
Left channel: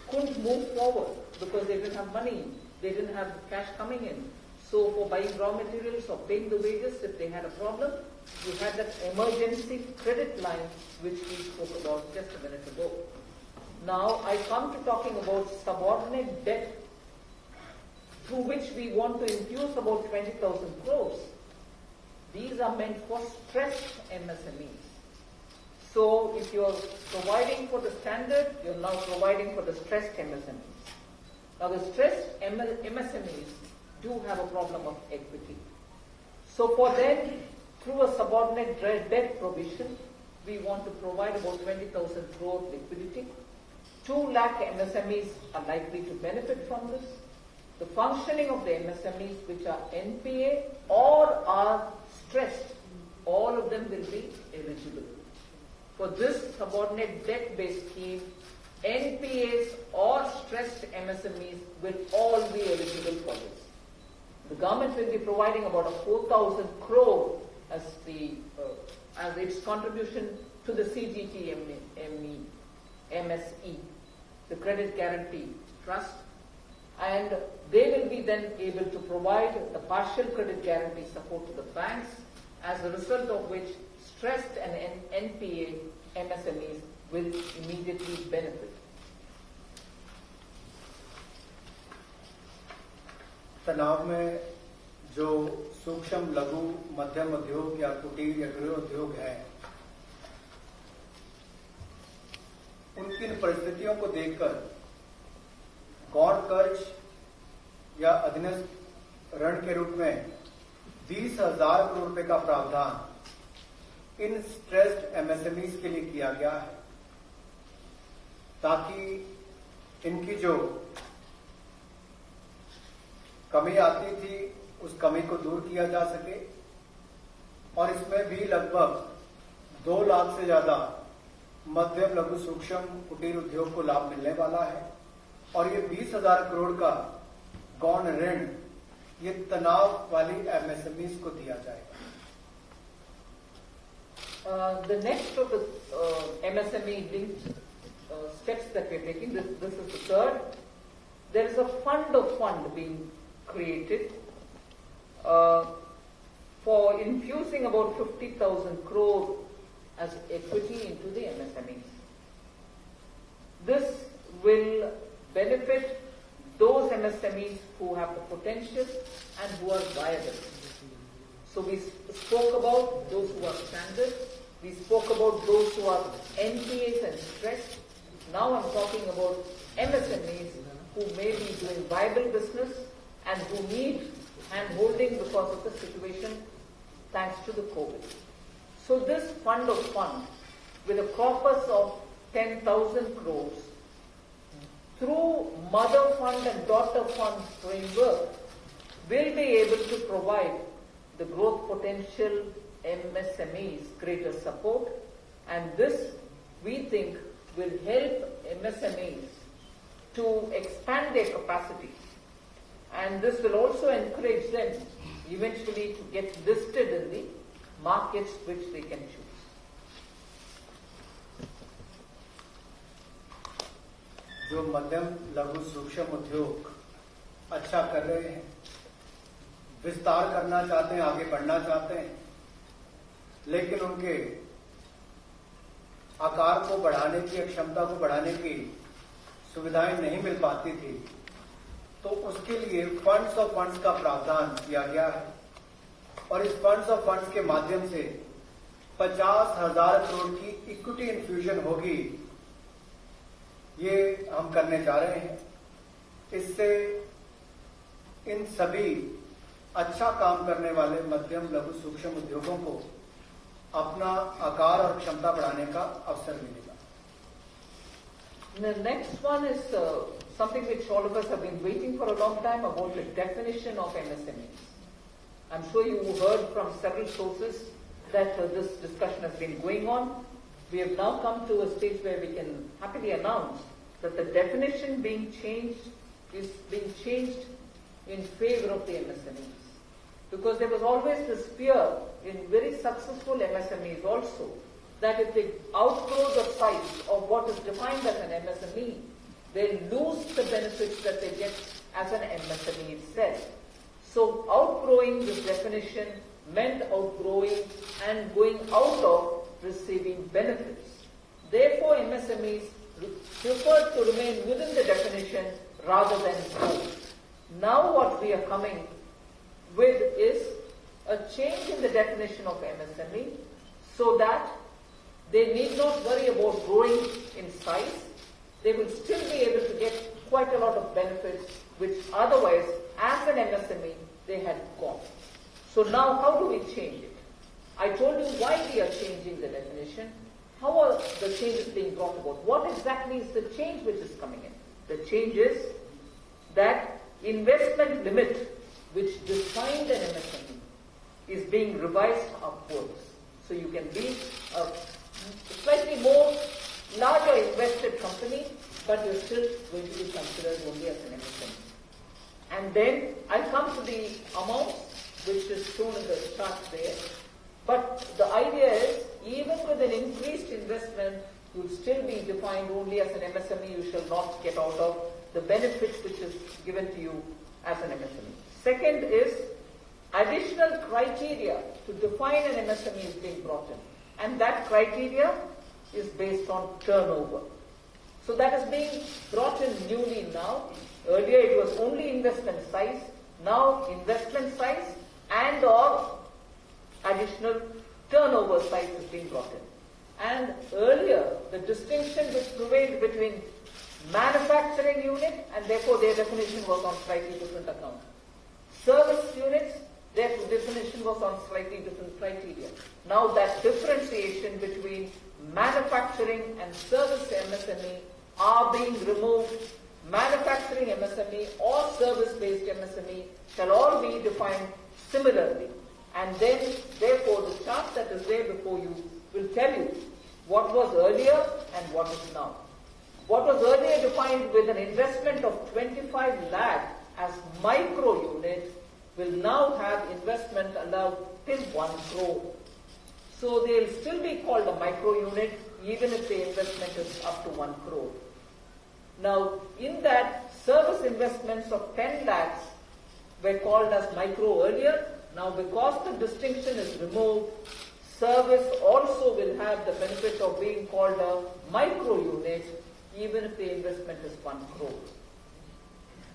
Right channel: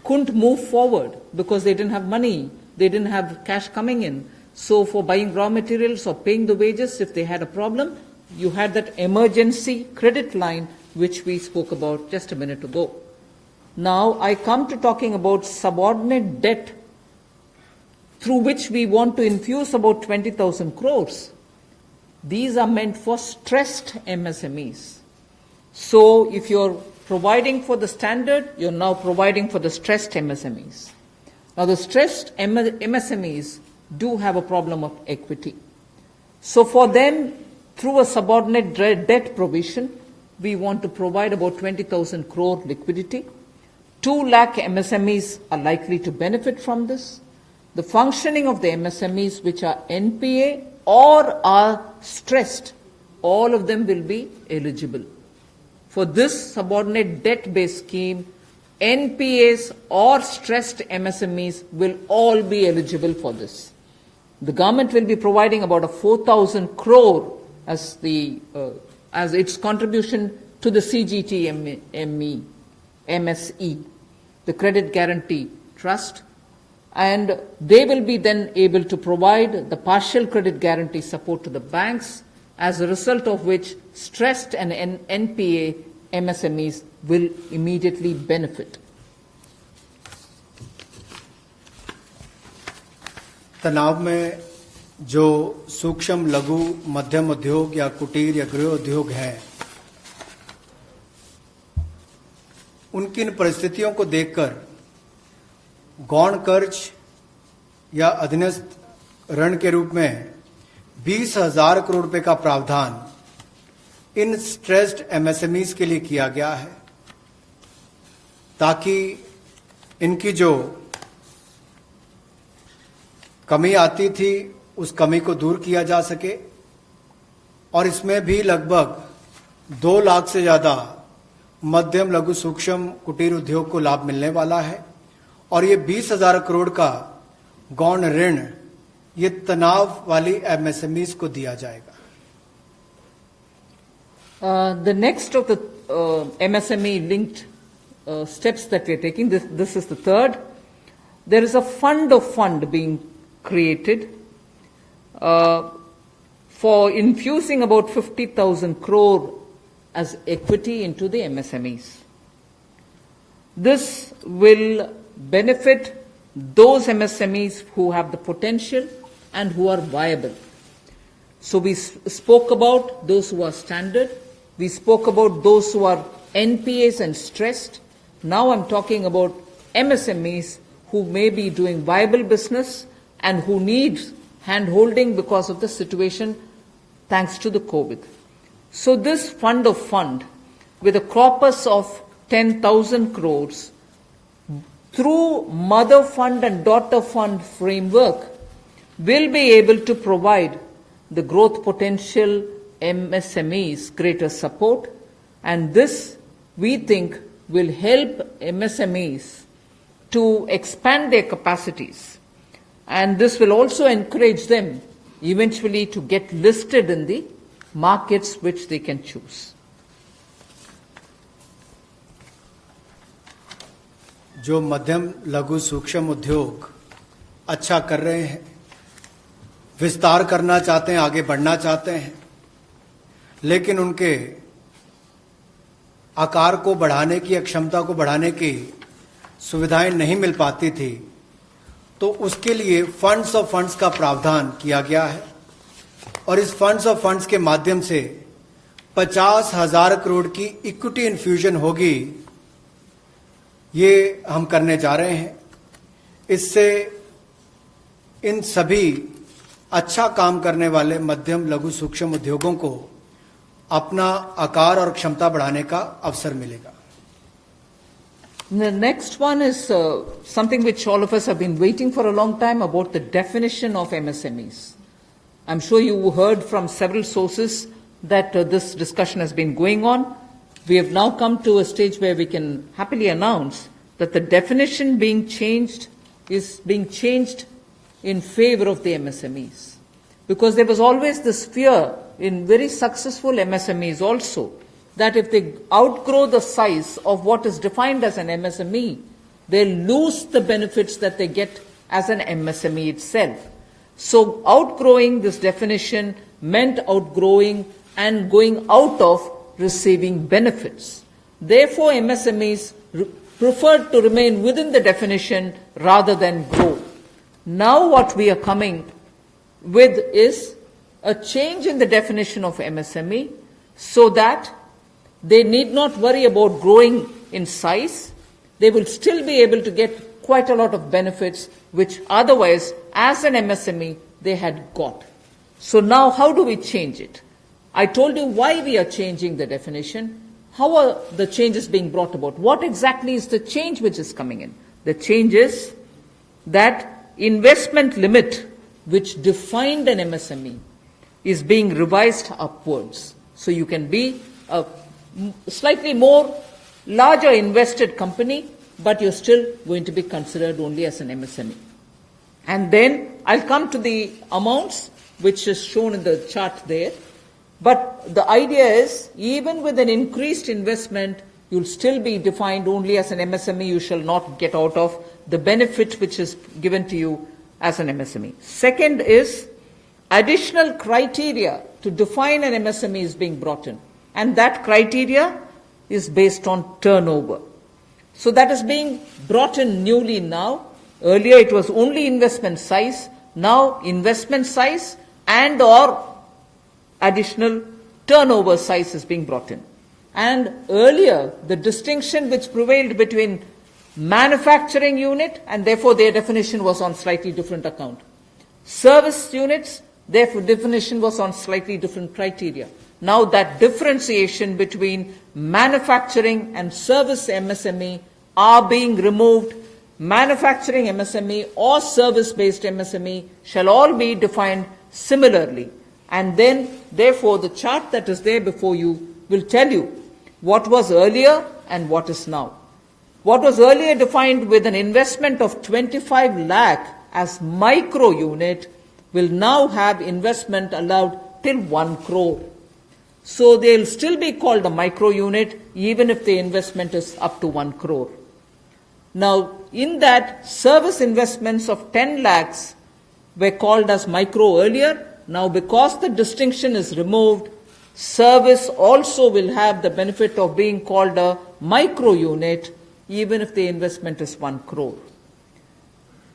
couldn't move forward because they didn't have money, they didn't have cash coming in. So for buying raw materials or paying the wages, if they had a problem, you had that emergency credit line which we spoke about just a minute ago. Now I come to talking about subordinate debt through which we want to infuse about 20,000 crores. These are meant for stressed MSMEs. So if you're providing for the standard, you're now providing for the stressed MSMEs. Now the stressed MSMEs do have a problem of equity. So for them, through a subordinate debt provision, we want to provide about 20,000 crore liquidity. 2 lakh MSMEs are likely to benefit from this. The functioning of the MSMEs which are NPA or are stressed, all of them will be eligible. For this subordinate debt-based scheme, NPAs or stressed MSMEs will all be eligible for this. The government will be providing about a 4,000 crore as its contribution to the CGTMSE, the Credit Guarantee Trust, and they will be then able to provide the partial credit guarantee support to the banks, as a result of which stressed and NPA MSMEs will immediately benefit. तनाव में जो सूक्ष्म लघु मध्यम उद्योग या कुटीर या गृह उद्योग हैं, उनकी इन परिस्थितियों को देखकर गौण कर्ज या अधीनस्थ ऋण के रूप में 20,000 करोड़ रुपए का प्रावधान इन स्ट्रेस्ड एमएसएमईज के लिए किया गया है, ताकि इनकी जो कमी आती थी उस कमी को दूर किया जा सके। और इसमें भी लगभग 2 लाख से ज्यादा मध्यम लघु सूक्ष्म कुटीर उद्योग को लाभ मिलने वाला है। और ये 20,000 करोड़ का गौण ऋण ये तनाव वाली एमएसएमईज को दिया जाएगा। The next of the MSME linked steps that we are taking, this is the third. There is a fund of fund being created for infusing about 50,000 crore as equity into the MSMEs. This will benefit those MSMEs who have the potential and who are viable. So we spoke about those who are standard, we spoke about those who are NPAs and stressed. Now I'm talking about MSMEs who may be doing viable business and who need hand-holding because of the situation thanks to the COVID. So this fund of fund, with a corpus of 10,000 crores, through mother fund and daughter fund framework, will be able to provide the growth potential MSMEs greater support, and this, we think, will help MSMEs to expand their capacities, and this will also encourage them eventually to get listed in the markets which they can choose. जो मध्यम लघु सूक्ष्म उद्योग अच्छा कर रहे हैं, विस्तार करना चाहते हैं, आगे बढ़ना चाहते हैं, लेकिन उनके आकार को बढ़ाने की, क्षमता को बढ़ाने की सुविधाएं नहीं मिल पाती थी, तो उसके लिए फंड्स ऑफ फंड्स का प्रावधान किया गया है। और इस फंड्स ऑफ फंड्स के माध्यम से 50,000 करोड़ की इक्विटी इन्फ्यूजन होगी, ये हम करने जा रहे हैं। इससे इन सभी अच्छा काम करने वाले मध्यम लघु सूक्ष्म उद्योगों को अपना आकार और क्षमता बढ़ाने का अवसर मिलेगा। The next one is something which all of us have been waiting for a long time, about the definition of MSMEs. I'm sure you heard from several sources that this discussion has been going on. We have now come to a stage where we can happily announce that the definition being changed is being changed in favor of the MSMEs. Because there was always this fear in very successful MSMEs also, that if they outgrow the size of what is defined as an MSME, they lose the benefits that they get as an MSME itself. So outgrowing this definition meant outgrowing and going out of receiving benefits. Therefore, MSMEs preferred to remain within the definition rather than grow. Now what we are coming with is a change in the definition of MSME so that they need not worry about growing in size. They will still be able to get quite a lot of benefits which otherwise, as an MSME, they had got. So now how do we change it? I told you why we are changing the definition. How are the changes being brought about? What exactly is the change which is coming in? The change is that investment limit which defined an MSME is being revised upwards. So you can be a slightly more larger invested company, but you're still going to be considered only as an MSME. And then I'll come to the amounts which is shown in the chart there. But the idea is, even with an increased investment, you'll still be defined only as an MSME. You shall not get out of the benefit which is given to you as an MSME. Second is, additional criteria to define an MSME is being brought in. And that criteria is based on turnover. So that is being brought in newly now. Earlier it was only investment size. Now investment size and or additional turnover size is being brought in. And earlier, the distinction which prevailed between manufacturing unit, and therefore their definition was on slightly different account. Service units, their definition was on slightly different criteria. Now that differentiation between manufacturing and service MSME are being removed. Manufacturing MSME or service-based MSME shall all be defined similarly. And then, therefore, the chart that is there before you will tell you what was earlier and what is now. What was earlier defined with an investment of 25 lakh as micro unit will now have investment allowed till 1 crore. So they'll still be called a micro unit even if the investment is up to 1 crore. Now, in that, service investments of 10 lakhs were called as micro earlier. Now, because the distinction is removed, service also will have the benefit of being called a micro unit even if the investment is 1 crore.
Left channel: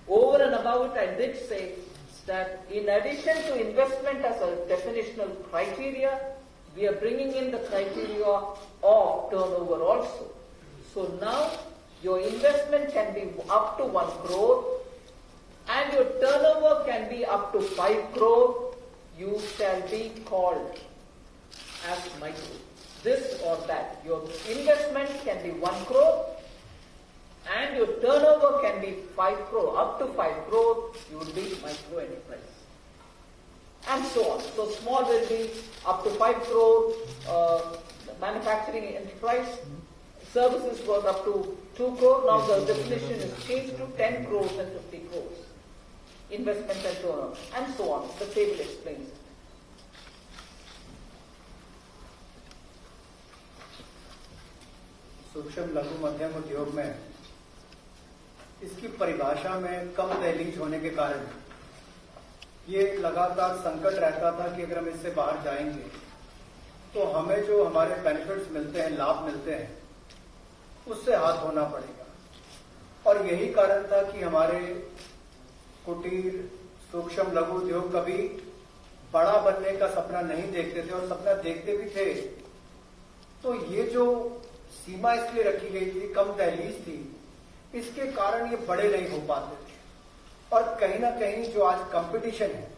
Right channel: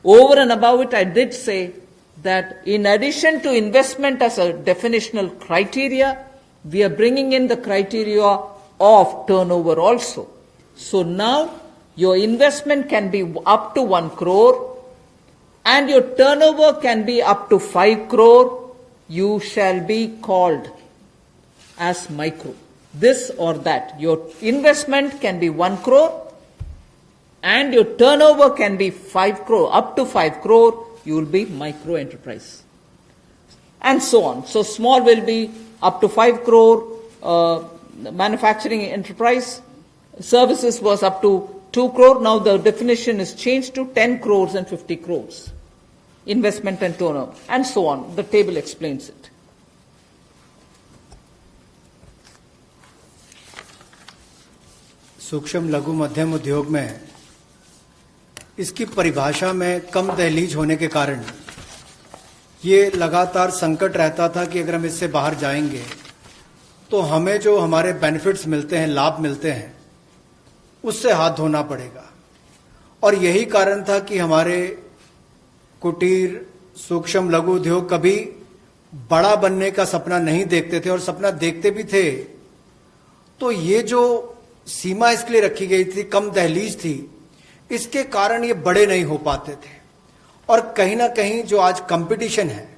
Over and above it, I did say that in addition to investment as a definitional criteria, we are bringing in the criteria of turnover also. So now your investment can be up to 1 crore and your turnover can be up to 5 crore. You shall be called as micro. This or that. Your investment can be 1 crore and your turnover can be 5 crore. Up to 5 crore, you will be micro enterprise. And so on. So small will be up to 5 crore, manufacturing enterprise. Services was up to 2 crore. Now the definition is changed to 10 crores and 50 crores. Investment and turnover, and so on. The table explains it. सूक्ष्म लघु मध्यम उद्योग में इसकी परिभाषा में कम दहलीज होने के कारण ये लगातार संकट रहता था कि अगर हम इससे बाहर जाएंगे तो हमें जो हमारे बेनिफिट्स मिलते हैं, लाभ मिलते हैं, उससे हाथ धोना पड़ेगा। और यही कारण था कि हमारे कुटीर सूक्ष्म लघु उद्योग कभी बड़ा बनने का सपना नहीं देखते थे, और सपना देखते भी थे तो ये जो सीमा इसके लिए रखी गई थी, कम दहलीज थी, इसके कारण ये बड़े नहीं हो पाते थे। और कहीं ना कहीं जो आज कंपटीशन है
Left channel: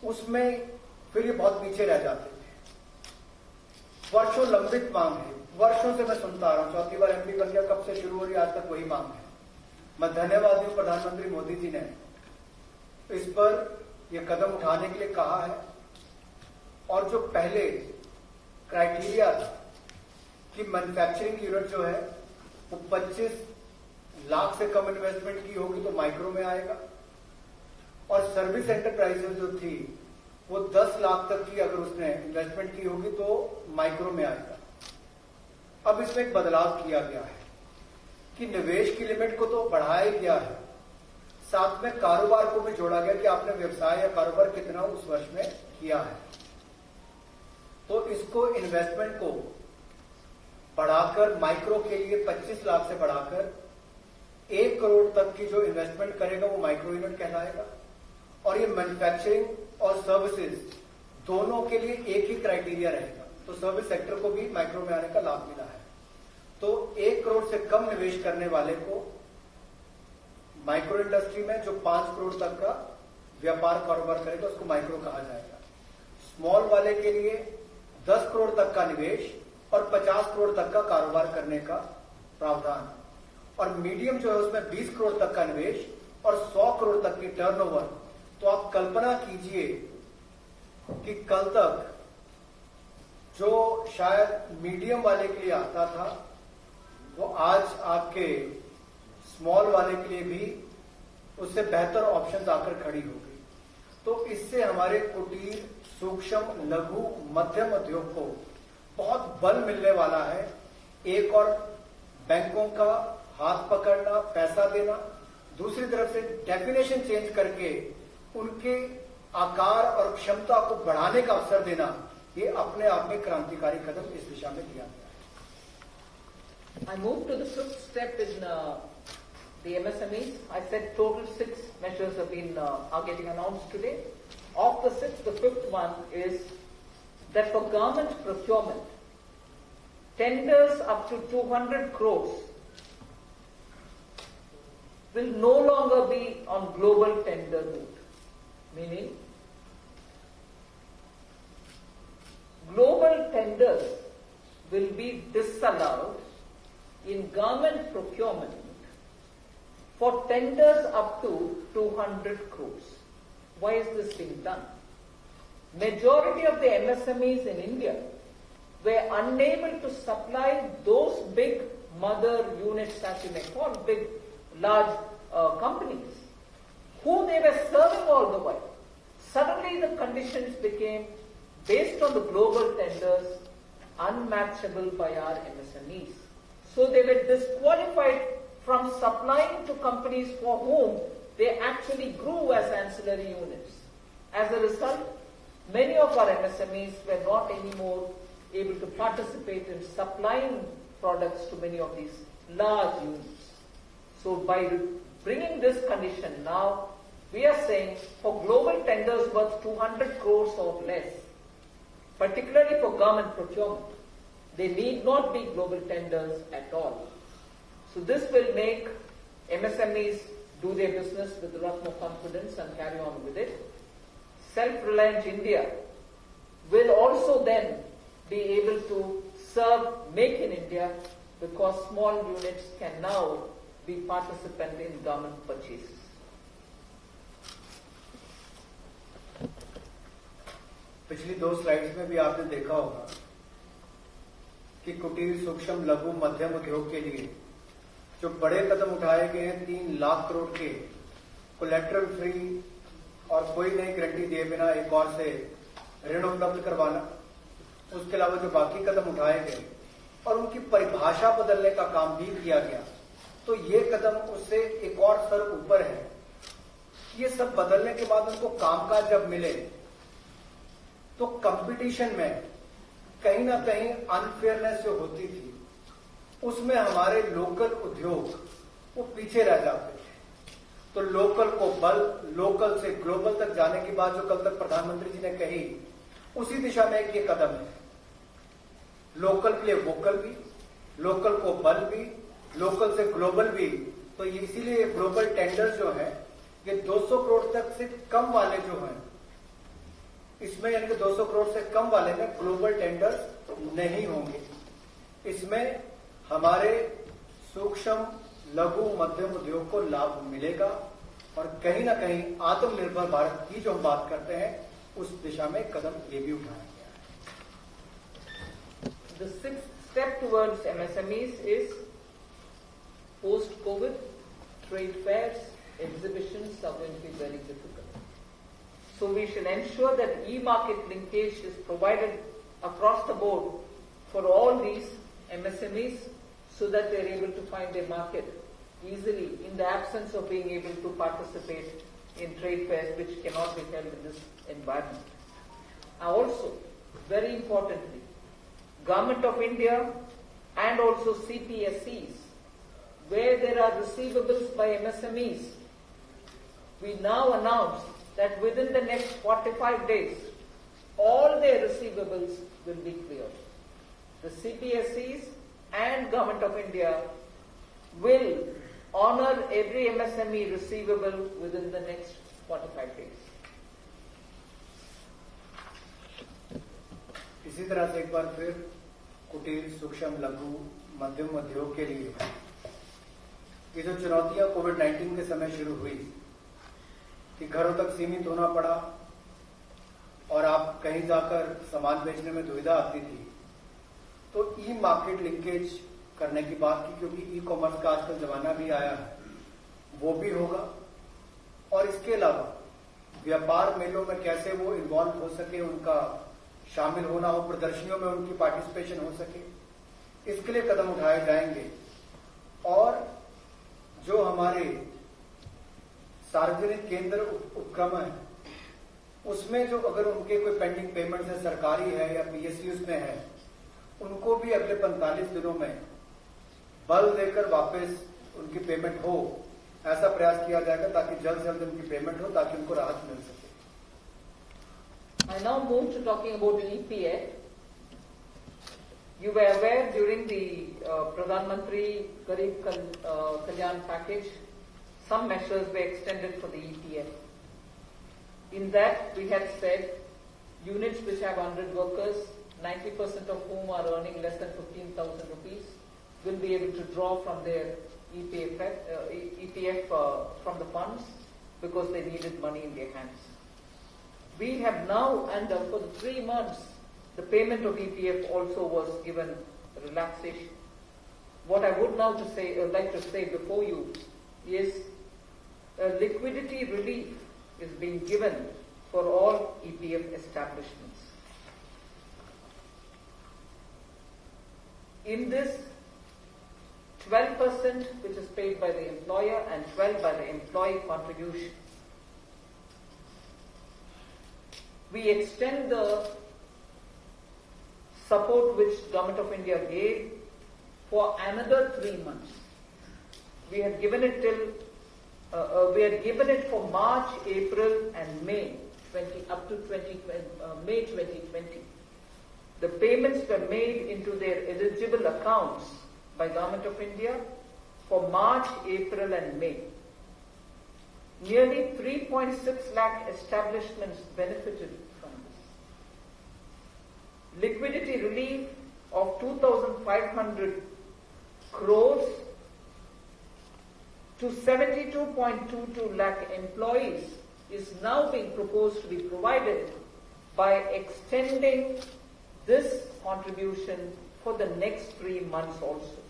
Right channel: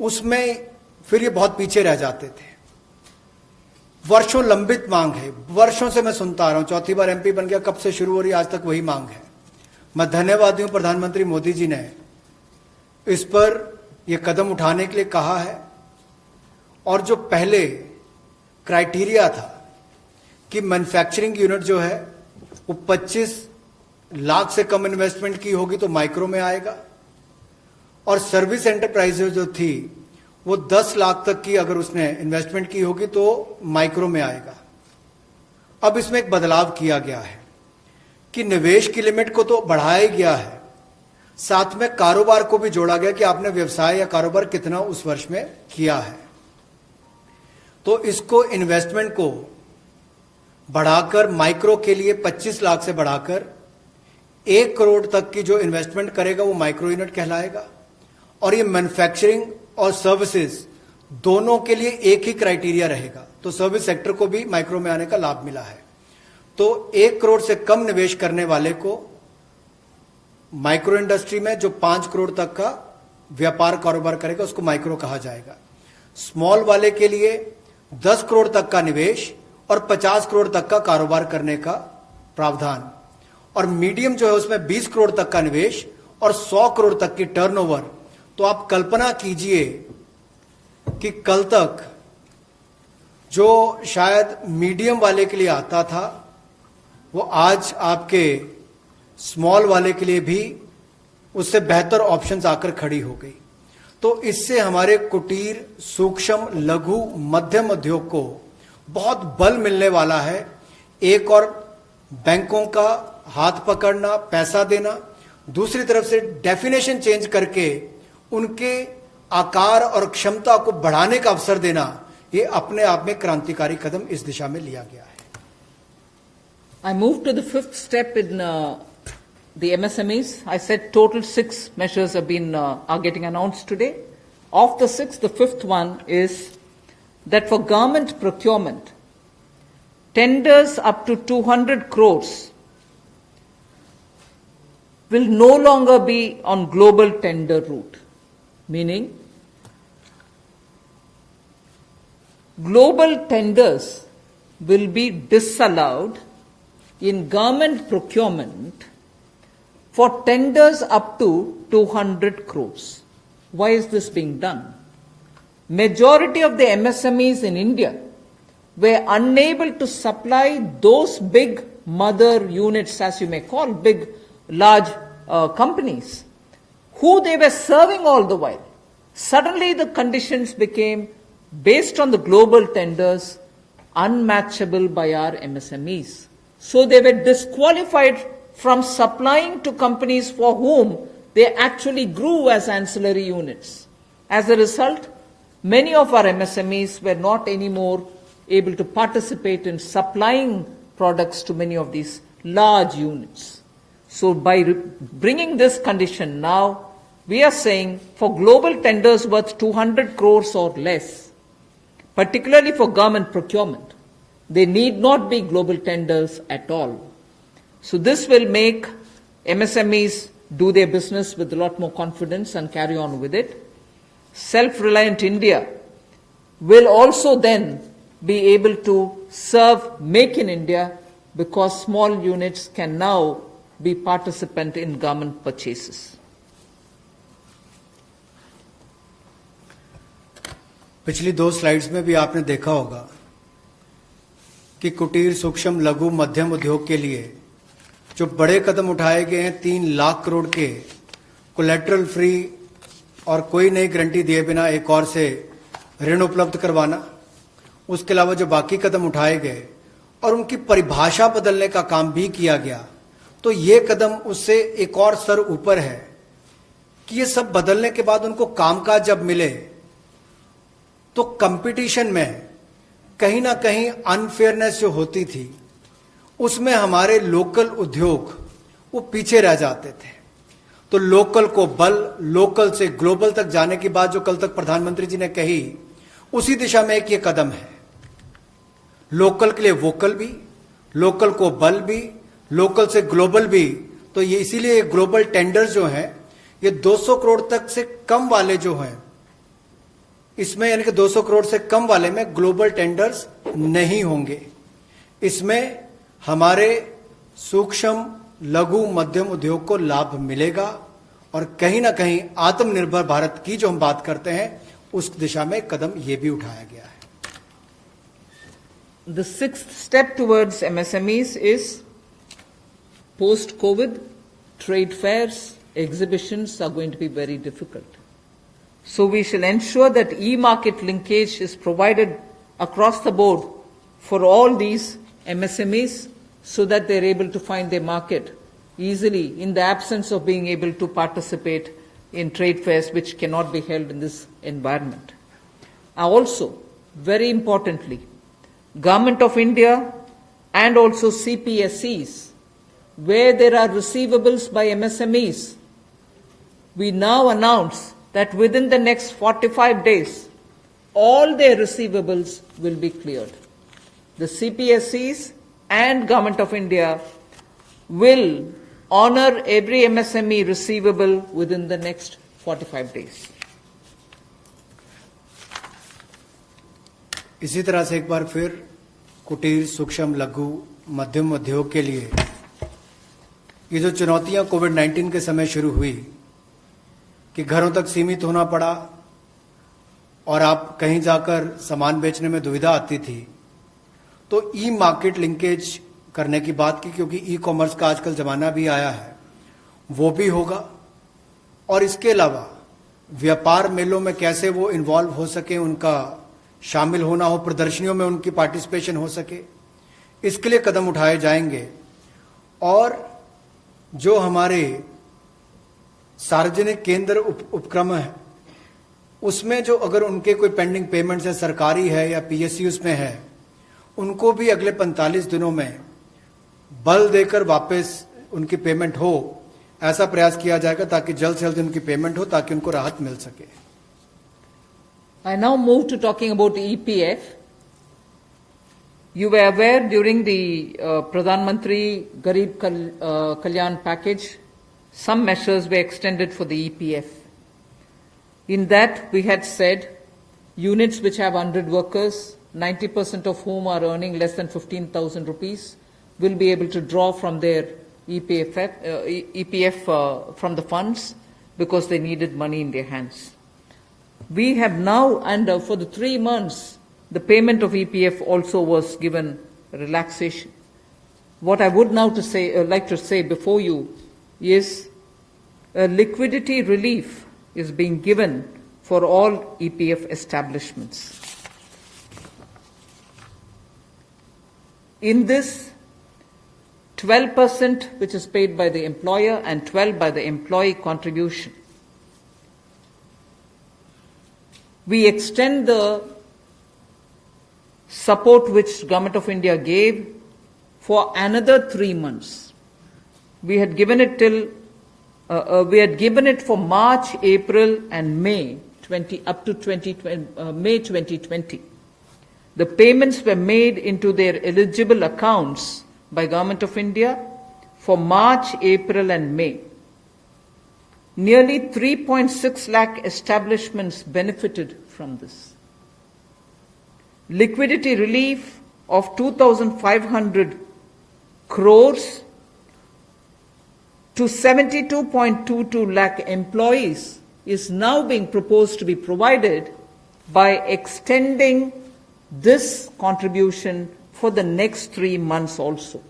उसमें फिर ये बहुत पीछे रह जाते थे। वर्षों लंबित मांग है, वर्षों से मैं सुनता आ रहा हूं, चौथी बार एमपी बन गया, कब से शुरू हो रही, आज तक वही मांग है। मैं धन्यवादी हूं प्रधानमंत्री मोदी जी ने इस पर यह कदम उठाने के लिए कहा है। और जो पहले क्राइटेरिया था कि मैन्युफैक्चरिंग यूनिट जो है वो 25 लाख से कम इन्वेस्टमेंट की होगी तो माइक्रो में आएगा, और सर्विस एंटरप्राइजेज जो थी वो 10 लाख तक की अगर उसने इन्वेस्टमेंट की होगी तो माइक्रो में आएगा। अब इसमें एक बदलाव किया गया है कि निवेश की लिमिट को तो बढ़ाया गया है, साथ में कारोबार को भी जोड़ा गया कि आपने व्यवसाय या कारोबार कितना उस वर्ष में किया है। तो इसको इन्वेस्टमेंट को बढ़ाकर माइक्रो के लिए 25 लाख से बढ़ाकर 1 करोड़ तक की जो इन्वेस्टमेंट करेगा वो माइक्रो यूनिट कहलाएगा। और ये मैन्युफैक्चरिंग और सर्विसेज दोनों के लिए एक ही क्राइटेरिया रहेगा, तो सर्विस सेक्टर को भी माइक्रो में आने का लाभ मिला है। तो 1 करोड़ से कम निवेश करने वाले को माइक्रो इंडस्ट्री में जो 5 करोड़ तक का व्यापार कारोबार करेगा उसको माइक्रो कहा जाएगा। स्मॉल वाले के लिए 10 करोड़ तक का निवेश और 50 करोड़ तक का कारोबार करने का प्रावधान, और मीडियम जो है उसमें 20 करोड़ तक का निवेश और 100 करोड़ तक की टर्नओवर। तो आप कल्पना कीजिए कि कल तक जो शायद मीडियम वाले के लिए आता था वो आज आपके स्मॉल वाले के लिए भी उससे बेहतर ऑप्शंस आकर खड़ी हो गई। तो इससे हमारे कुटीर, सूक्ष्म, लघु, मध्यम उद्योग को बहुत बल मिलने वाला है। एक और बैंकों का हाथ पकड़ना, पैसा देना, दूसरी तरफ से डेफिनेशन चेंज करके उनके आकार और क्षमता को बढ़ाने का अवसर देना, ये अपने आप में क्रांतिकारी कदम इस दिशा में लिया गया है। I move to the fifth step in the MSMEs. I said total 6 measures have been are getting announced today. Of the 6, the fifth one is that for government procurement, tenders up to 200 crores will no longer be on global tender route, meaning global tenders will be disallowed in government procurement for tenders up to 200 crores. Why is this being done? Majority of the MSMEs in India were unable to supply those big mother units, as you may call, big, large companies, who they were serving all the while. Suddenly the conditions became, based on the global tenders, unmatchable by our MSMEs. So they were disqualified from supplying to companies for whom they actually grew as ancillary units. As a result, many of our MSMEs were not anymore able to participate in supplying products to many of these large units. So by bringing this condition now, we are saying for global tenders worth 200 crores or less, particularly for government procurement, they need not be global tenders at all. So this will make MSMEs do their business with a lot more confidence and carry on with it. Self-reliant India will also then be able to serve Make in India, because small units can now be participant in government purchases. पिछली 2 slides में भी आपने देखा होगा कि कुटीर, सूक्ष्म, लघु, मध्यम उद्योग के लिए जो बड़े कदम उठाए गए हैं, 3 लाख करोड़ के कोलेटरल फ्री और कोई नई गारंटी दिए बिना एक और से ऋण उपलब्ध करवाना, उसके अलावा जो बाकी कदम उठाए गए और उनकी परिभाषा बदलने का काम भी किया गया, तो ये कदम उससे एक और स्तर ऊपर है कि ये सब बदलने के बाद उनको कामकाज जब मिले तो कंपटीशन में कहीं ना कहीं अनफेयरनेस जो होती थी उसमें हमारे लोकल उद्योग वो पीछे रह जाते थे। तो लोकल को बल, लोकल से ग्लोबल तक जाने की बात जो कल तक प्रधानमंत्री जी ने कही, उसी दिशा में एक ये कदम है। लोकल के लिए वोकल भी, लोकल को बल भी, लोकल से ग्लोबल भी। तो ये इसीलिए ग्लोबल टेंडर्स जो हैं ये 200 करोड़ तक से कम वाले जो हैं, इसमें यानी कि 200 करोड़ से कम वाले में ग्लोबल टेंडर्स नहीं होंगे। इसमें हमारे सूक्ष्म, लघु, मध्यम उद्योग को लाभ मिलेगा और कहीं ना कहीं आत्मनिर्भर भारत की जो हम बात करते हैं उस दिशा में कदम ये भी उठाया गया है। The 6th step towards MSMEs is post-COVID, trade fairs, exhibitions are going to be very difficult. So we shall ensure that e-market linkage is provided across the board for all these MSMEs so that they're able to find their market easily in the absence of being able to participate in trade fairs which cannot be held in this environment. Also, very importantly, Government of India and also CPSEs, where there are receivables by MSMEs, we now announce that within the next 45 days, all their receivables will be cleared. The CPSEs and Government of India will honor every MSME receivable within the next 45 days. इसी तरह से एक बार फिर कुटीर, सूक्ष्म, लघु, मध्यम उद्योग के लिए ये जो चुनौतियां कोविड-19 के समय शुरू हुई कि घरों तक सीमित होना पड़ा और आप कहीं जाकर सामान बेचने में दुविधा आती थी, तो ई मार्केट लिंकेज करने की बात की, क्योंकि ई कॉमर्स का आजकल जमाना भी आया है, वो भी होगा। और इसके अलावा व्यापार मेलों में कैसे वो इन्वॉल्व हो सके, उनका शामिल होना हो, प्रदर्शनियों में उनकी पार्टिसिपेशन हो सके, इसके लिए कदम उठाए जाएंगे। और जो हमारे सार्वजनिक केंद्र उपक्रम है, उसमें जो अगर उनके कोई पेंडिंग पेमेंट्स है, सरकारी है या PSUs में है, उनको भी अगले 45 दिनों में बल देकर वापस उनकी पेमेंट हो, ऐसा प्रयास किया जाएगा ताकि जल्द से जल्द उनकी पेमेंट हो, ताकि उनको राहत मिल सके। I now move to talking about EPF. You were aware during the Pradhan Mantri Garib Kalyan package, some measures were extended for the EPF. In that, we had said units which have 100 workers, 90% of whom are earning less than 15,000 rupees, will be able to draw from their EPF from the funds because they needed money in their hands. We have now, and for the 3 months, the payment of EPF also was given relaxation. What I would now like to say before you is a liquidity relief is being given for all EPF establishments. In this, 12% which is paid by the employer and 12% by the employee contribution. We extend the support which Government of India gave for another 3 months. We had given it for March, April, and May up to May 2020. The payments were made into their eligible accounts by Government of India for March, April, and May. Nearly 3.6 lakh establishments benefited from this. Liquidity relief of 2,500 crores to 72.22 lakh employees is now being proposed to be provided by extending this contribution for the next 3 months also.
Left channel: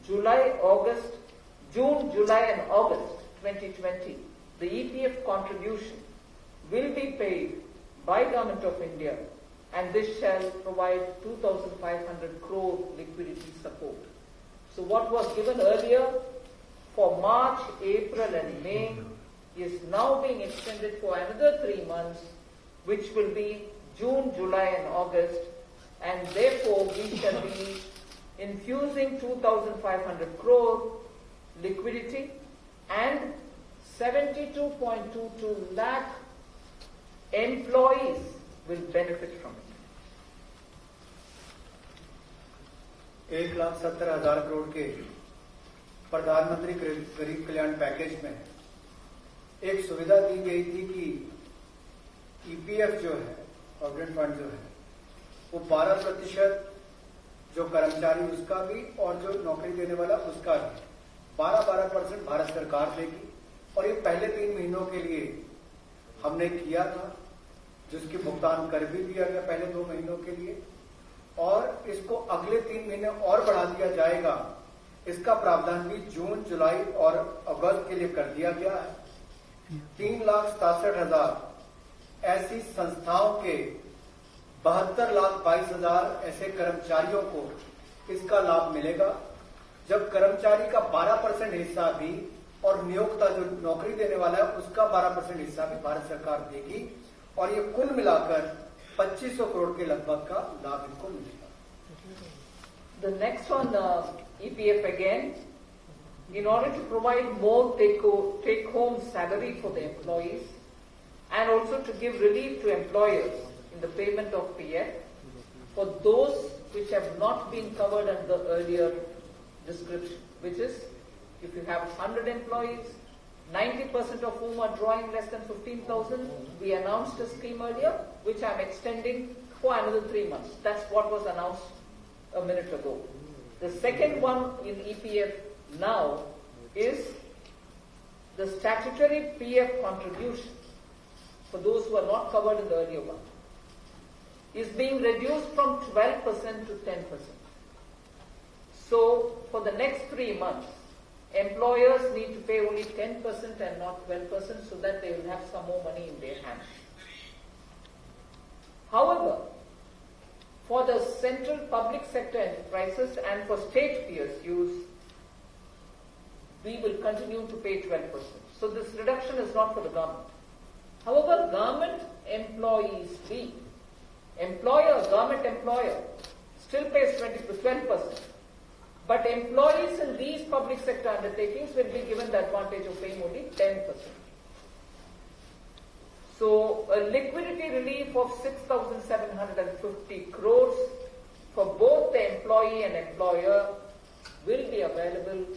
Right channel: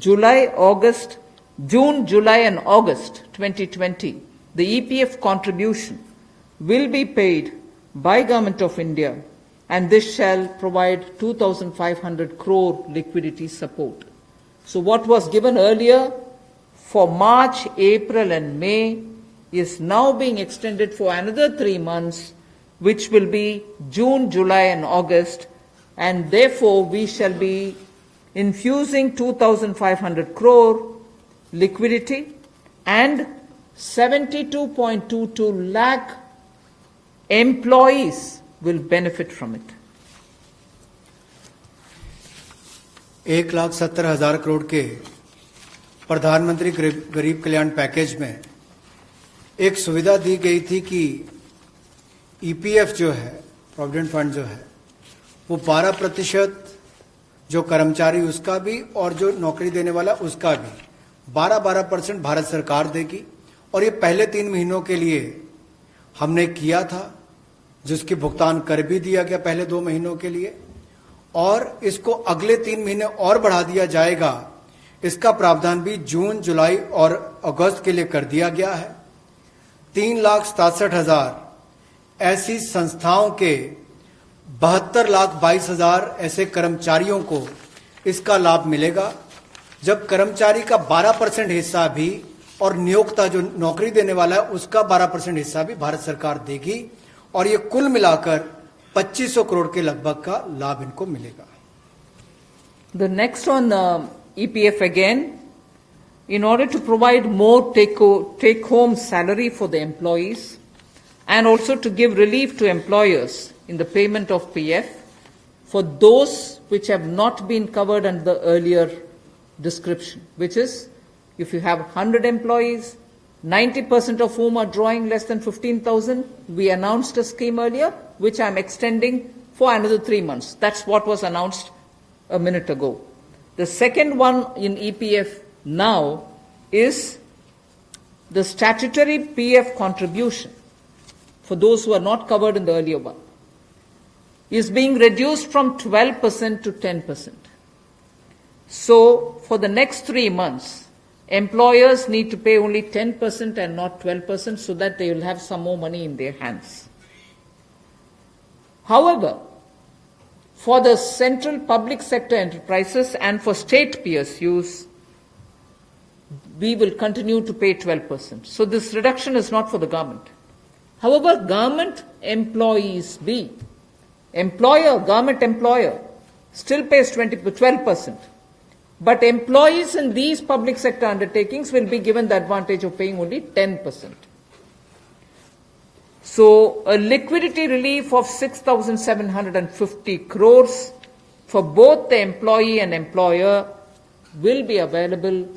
June, July, and August 2020, the EPF contribution will be paid by Government of India, and this shall provide 2,500 crore liquidity support. So what was given earlier for March, April, and May is now being extended for another 3 months, which will be June, July, and August, and therefore we shall be infusing 2,500 crore liquidity, and 72.22 lakh employees will benefit from it. 1,70,000 crore के प्रधानमंत्री गरीब कल्याण package में एक सुविधा दी गई थी कि EPF जो है, प्रोविडेंट फंड जो है, वो 12% जो कर्मचारी उसका भी और जो नौकरी देने वाला उसका भी 12% भारत सरकार देगी। और ये पहले 3 महीनों के लिए हमने किया था, जिसकी भुगतान कर भी दिया गया पहले 2 महीनों के लिए, और इसको अगले 3 महीने और बढ़ा दिया जाएगा। इसका प्रावधान भी जून, जुलाई और अगस्त के लिए कर दिया गया है। 3,67,000 ऐसी संस्थाओं के 72,22,000 ऐसे कर्मचारियों को इसका लाभ मिलेगा, जब कर्मचारी का 12% हिस्सा भी और नियोक्ता जो नौकरी देने वाला है उसका 12% हिस्सा भी भारत सरकार देगी, और ये कुल मिलाकर 2500 करोड़ के लगभग का लाभ इनको मिलेगा। The next on EPF again, in order to provide more take-home salary for the employees and also to give relief to employers in the payment of PF for those which have not been covered under the earlier description, which is if you have 100 employees, 90% of whom are drawing less than 15,000, we announced a scheme earlier, which I'm extending for another 3 months. That's what was announced a minute ago. The second one in EPF now is the statutory PF contribution for those who are not covered in the earlier one is being reduced from 12% to 10%. So for the next 3 months, employers need to pay only 10% and not 12% so that they will have some more money in their hands. However, for the central public sector enterprises and for state PSUs, we will continue to pay 12%. So this reduction is not for the government. However, government employees government employer still pays 12%. But employees in these public sector undertakings will be given the advantage of paying only 10%. So a liquidity relief of 6,750 crores for both the employee and employer will be available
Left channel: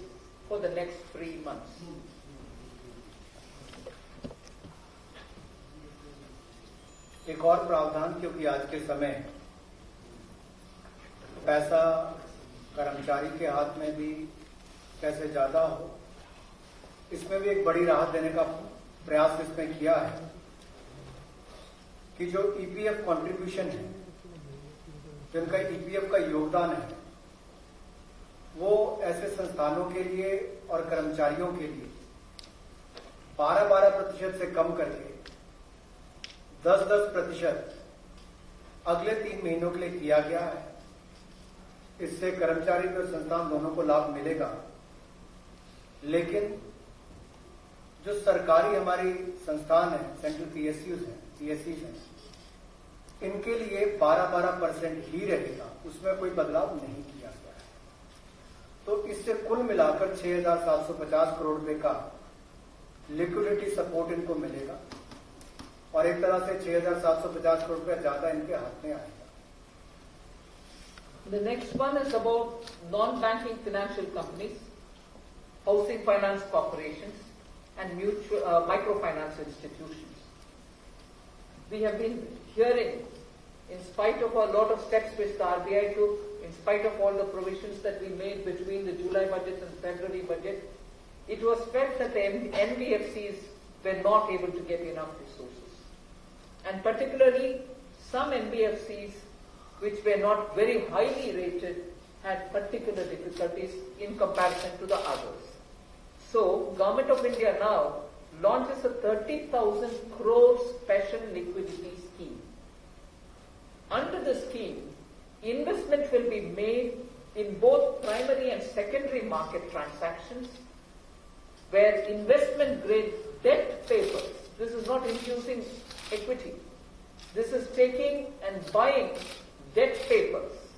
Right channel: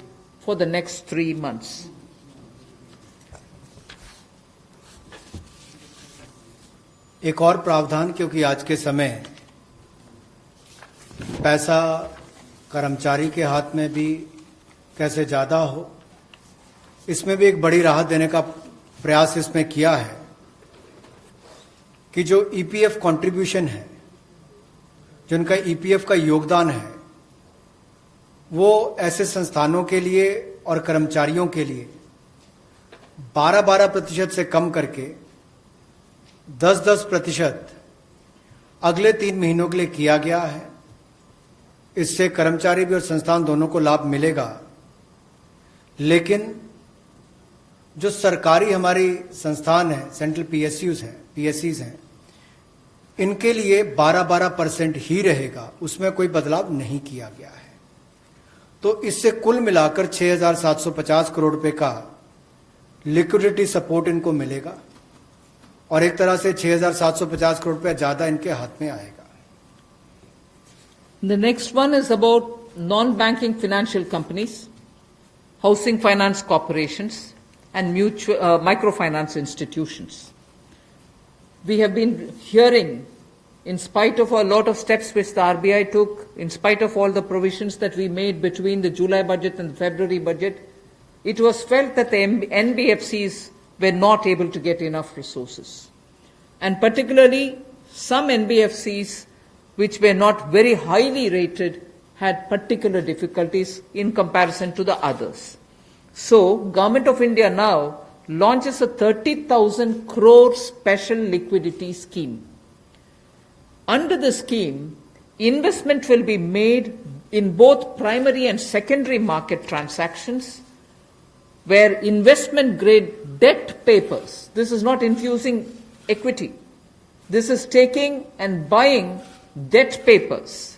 for the next 3 months. एक और प्रावधान, क्योंकि आज के समय पैसा कर्मचारी के हाथ में भी कैसे ज़्यादा हो, इसमें भी एक बड़ी राहत देने का प्रयास इसमें किया है कि जो ईपीएफ कंट्रीब्यूशन है, जिनका ईपीएफ का योगदान है, वो ऐसे संस्थानों के लिए और कर्मचारियों के लिए 12% से कम करके 10% अगले 3 महीनों के लिए किया गया है। इससे कर्मचारी भी और संस्थान दोनों को लाभ मिलेगा, लेकिन जो सरकारी हमारी संस्थान है, सेंट्रल पीएससीज हैं, इनके लिए 12% ही रहेगा, उसमें कोई बदलाव नहीं किया गया है। तो इससे कुल मिलाकर 6,750 करोड़ रुपए का लिक्विडिटी सपोर्ट इनको मिलेगा और एक तरह से 6,750 करोड़ रुपए ज्यादा इनके हाथ में आएगा। The next one is about non-banking financial companies, housing finance corporations, and microfinance institutions. We have been hearing, in spite of a lot of steps which the RBI took, in spite of all the provisions that we made between the July budget and the February budget, it was felt that the NBFCs were not able to get enough resources. And particularly, some NBFCs which were not very highly rated had particular difficulties in comparison to the others. So, Government of India now launches a 30,000 crore special liquidity scheme. Under the scheme, investment will be made in both primary and secondary market transactions where investment grade debt papers, this is not infusing equity, this is taking and buying debt papers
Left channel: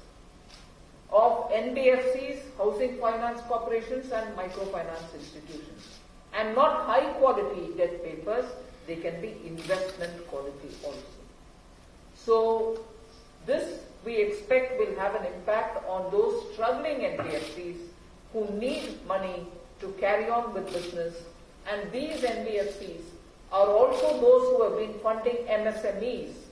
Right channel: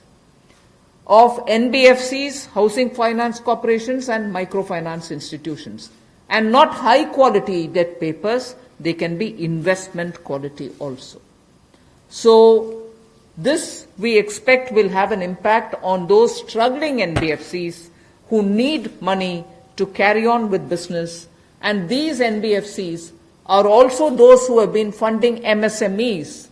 of NBFCs, housing finance corporations and microfinance institutions. And not high quality debt papers, they can be investment quality also. So this we expect will have an impact on those struggling NBFCs who need money to carry on with business, and these NBFCs are also those who have been funding MSMEs.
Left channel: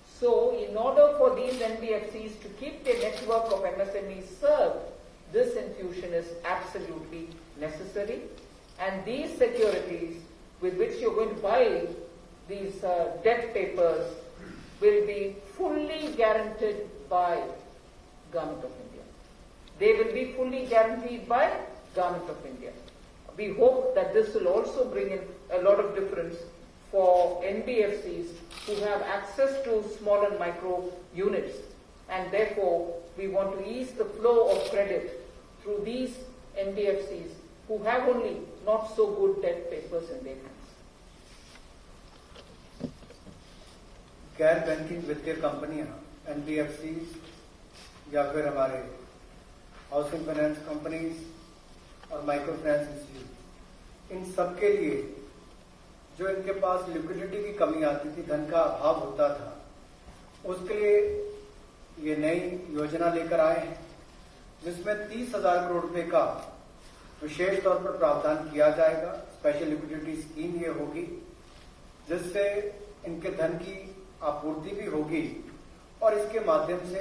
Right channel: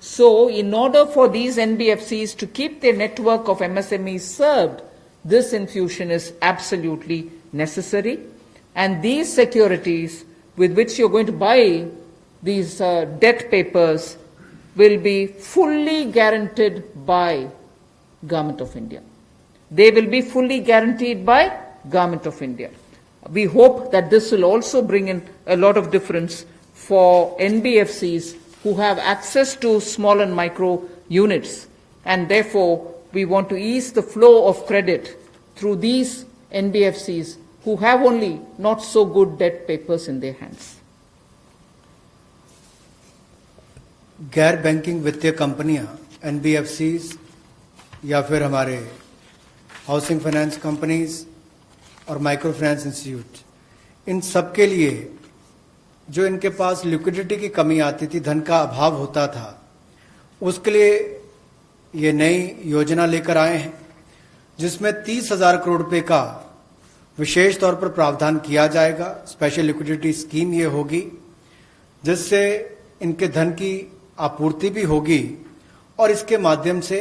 So in order for these NBFCs to keep their network of MSMEs served, this infusion is absolutely necessary, and these securities with which you're going to buy these debt papers will be fully guaranteed by Government of India. They will be fully guaranteed by Government of India. We hope that this will also bring in a lot of difference for NBFCs who have access to small and micro units, and therefore we want to ease the flow of credit through these NBFCs who have only not so good debt papers in their hands. गैर banking वित्तीय कंपनियां NBFCs या फिर हमारे housing finance companies और micro finance institute, इन सब के लिए जो इनके पास लिक्विडिटी की कमी आती थी, धन का अभाव होता था, उसके लिए ये नई योजना लेकर आए हैं जिसमें 30,000 करोड़ रुपए का विशेष तौर पर प्रावधान किया जाएगा। स्पेशल लिक्विडिटी स्कीम ये होगी जिससे इनके धन की आपूर्ति भी होगी और इसके माध्यम से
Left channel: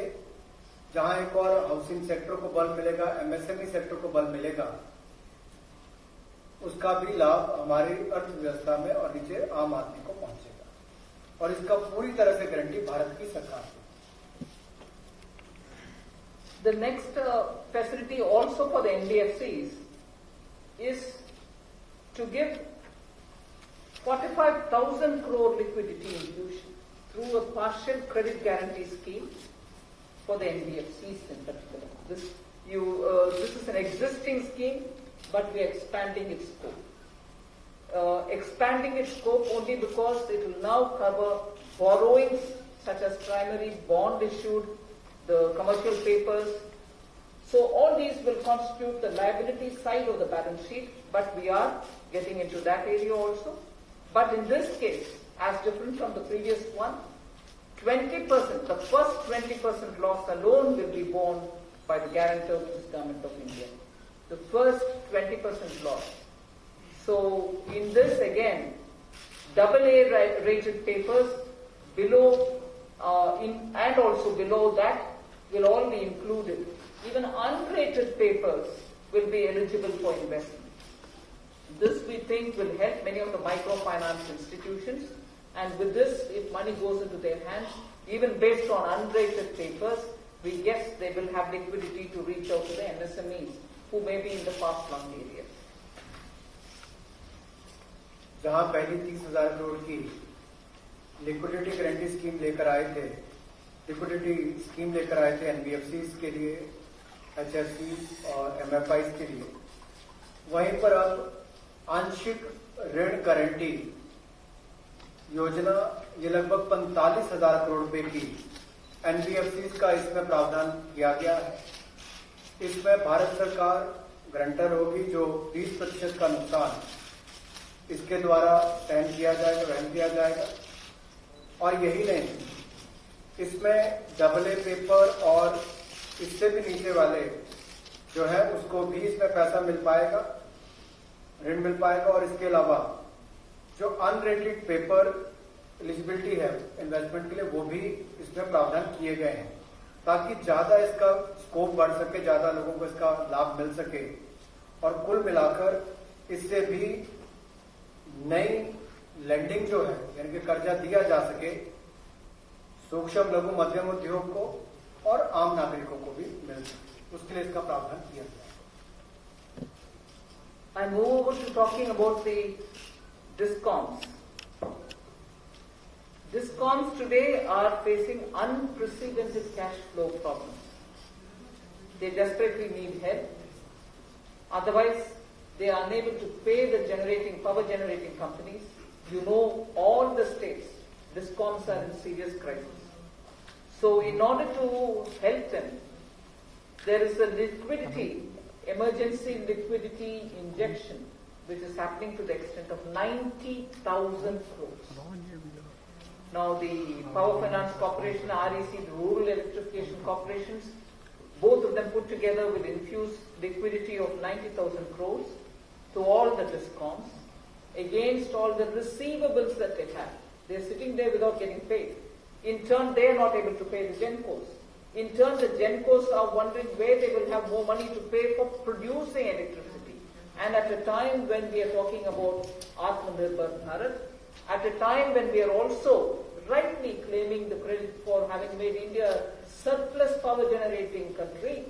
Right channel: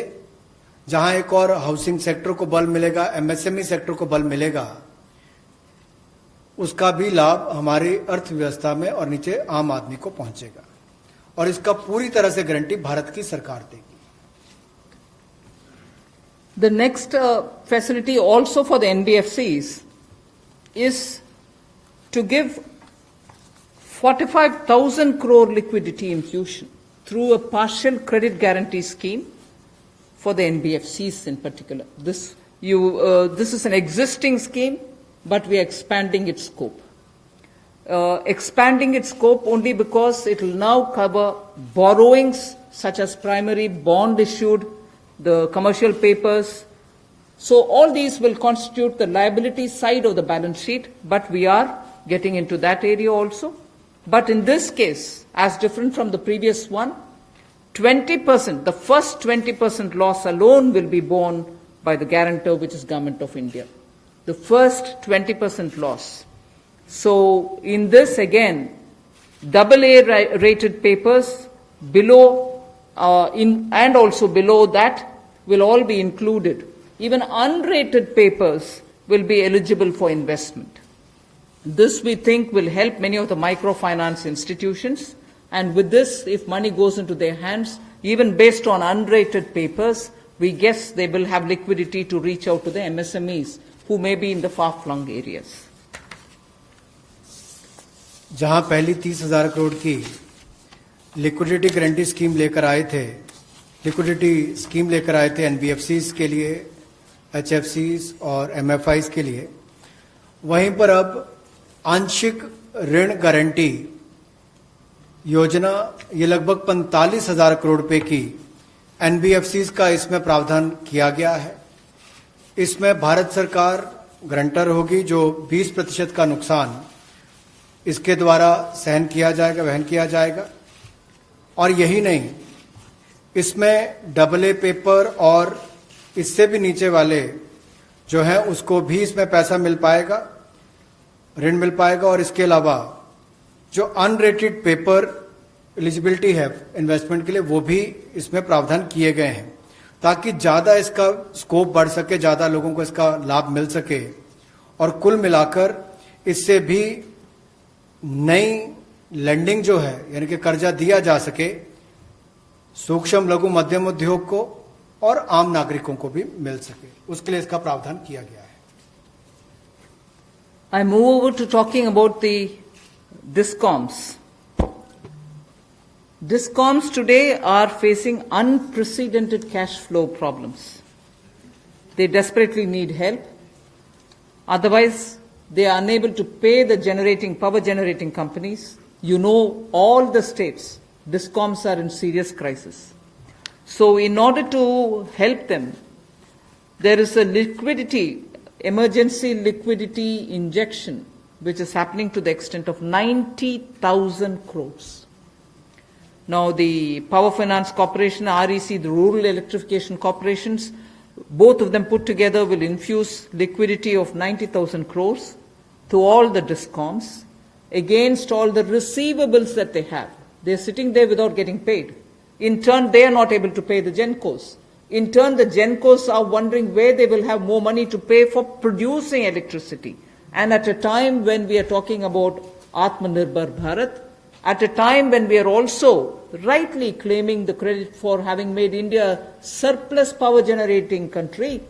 जहां एक और हाउसिंग सेक्टर को बल मिलेगा, एमएसएमई सेक्टर को बल मिलेगा, उसका भी लाभ हमारी अर्थव्यवस्था में और नीचे आम आदमी को पहुंचेगा और इसका पूरी तरह से गारंटी भारत की सरकार देगी। The next facility also for the NBFCs is to give 45,000 crore liquidity infusion through a partial credit guarantee scheme for the NBFCs in particular. This is an existing scheme, but we are expanding its scope. Expanding its scope only because it will now cover borrowings such as primary bond issued, the commercial papers. So all these will constitute the liability side of the balance sheet, but we are getting into that area also. But in this case, as different from the previous one, 20%, the first 20% loss alone will be borne by the guarantor, which is Government of India. The first 20% loss. So in this again, AA rated papers below and also below that will all be included. Even unrated papers will be eligible for investment. This we think will help many of the microfinance institutions, and with this, if money goes into their hands, even based on unrated papers, we guess they will have liquidity to reach out to the MSMEs who may be in the far-flung areas. जहां पहली 30,000 करोड़ की liquidity guarantee scheme लेकर आए थे NBFCs के लिए, एचएफसीज और MFIs के लिए, वहीं पर अब आंशिक ऋण गारंटी योजना ये लगभग 45,000 करोड़ रुपए की एनबीएफसीज का इसमें प्रावधान किया गया है। इसमें भारत सरकार गारंटर होगी, जो 20% का नुकसान इसके द्वारा वहन किया जाएगा। और यही नहीं, इसमें AA पेपर और इससे भी नीचे वाले जो हैं उसको भी इसमें पैसा मिल पाएगा, ऋण मिल पाएगा। और इसके अलावा जो अनरेटेड पेपर एलिजिबिलिटी है इन्वेस्टमेंट के लिए, वो भी इसमें प्रावधान किए गए हैं ताकि ज्यादा इसका स्कोप बढ़ सके, ज्यादा लोगों को इसका लाभ मिल सके और कुल मिलाकर इससे भी नई लैंडिंग जो है, यानी कि कर्जा दिया जा सके सूक्ष्म लघु मध्यम उद्योग को और आम नागरिकों को भी मिल सके, उसके लिए इसका प्रावधान किया गया है। I move over to talking about the DISCOMs. DISCOMs today are facing unprecedented cash flow problems. They desperately need help. Otherwise, they are unable to pay the power generating companies. You know, all the states, DISCOMs are in serious crisis. So in order to help them, there is a emergency liquidity injection, which is happening to the extent of 90,000 crores. Now the Power Finance Corporation, REC, the Rural Electrification Corporations, both of them put together will infuse liquidity of 90,000 crores to all the DISCOMs against all the receivables that they have. They're sitting there without getting paid. In turn, they are not able to pay the GENCOs. In turn, the GENCOs are wondering where they will have more money to pay for producing electricity. And at a time when we are talking about Atmanirbhar Bharat, at a time when we are also rightly claiming the credit for having made India a surplus power generating country,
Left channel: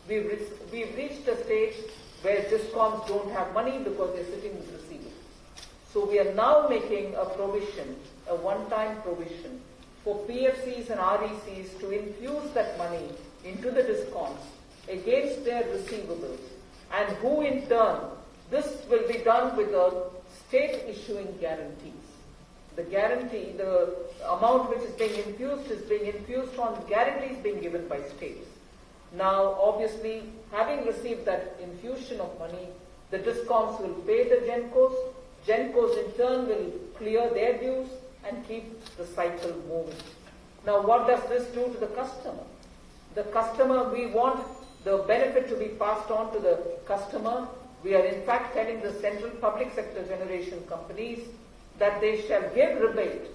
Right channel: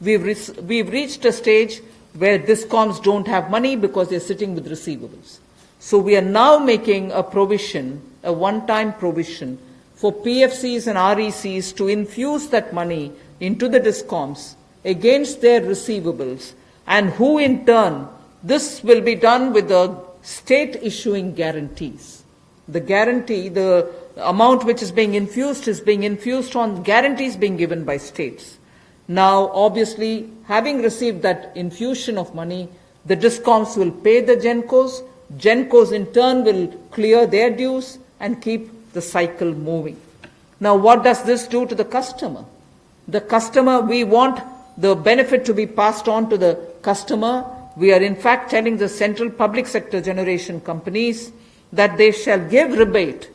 we've reached a stage where DISCOMs don't have money because they're sitting with receivables. So we are now making a provision, a one-time provision for PFCs and RECs to infuse that money into the DISCOMs against their receivables, and who in turn, this will be done with the state issuing guarantees. The guarantee, the amount which is being infused on guarantees being given by states. Now, obviously, having received that infusion of money, the DISCOMs will pay the GENCOs. GENCOs in turn will clear their dues and keep the cycle moving. Now, what does this do to the customer? The customer, we want the benefit to be passed on to the customer. We are in fact telling the central public sector generation companies that they shall give rebate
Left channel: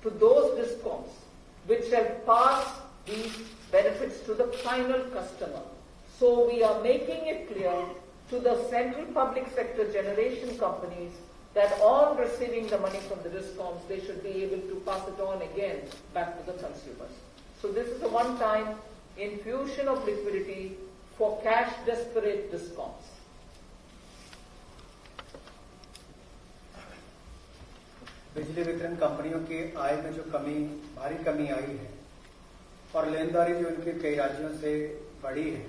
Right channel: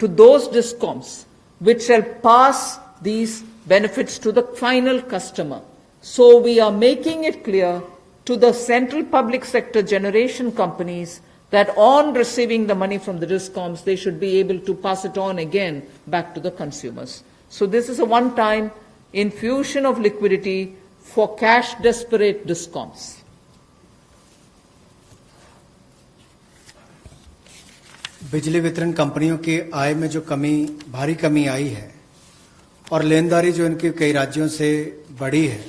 to those DISCOMs which shall pass these benefits to the final customer. So we are making it clear to the central public sector generation companies that on receiving the money from the DISCOMs, they should be able to pass it on again back to the consumers. So this is a one-time infusion of liquidity for cash desperate DISCOMs. बिजली वितरण कंपनियों की आय में जो भारी कमी आई है और लेनदारी जो इनके कई राज्यों से बढ़ी है,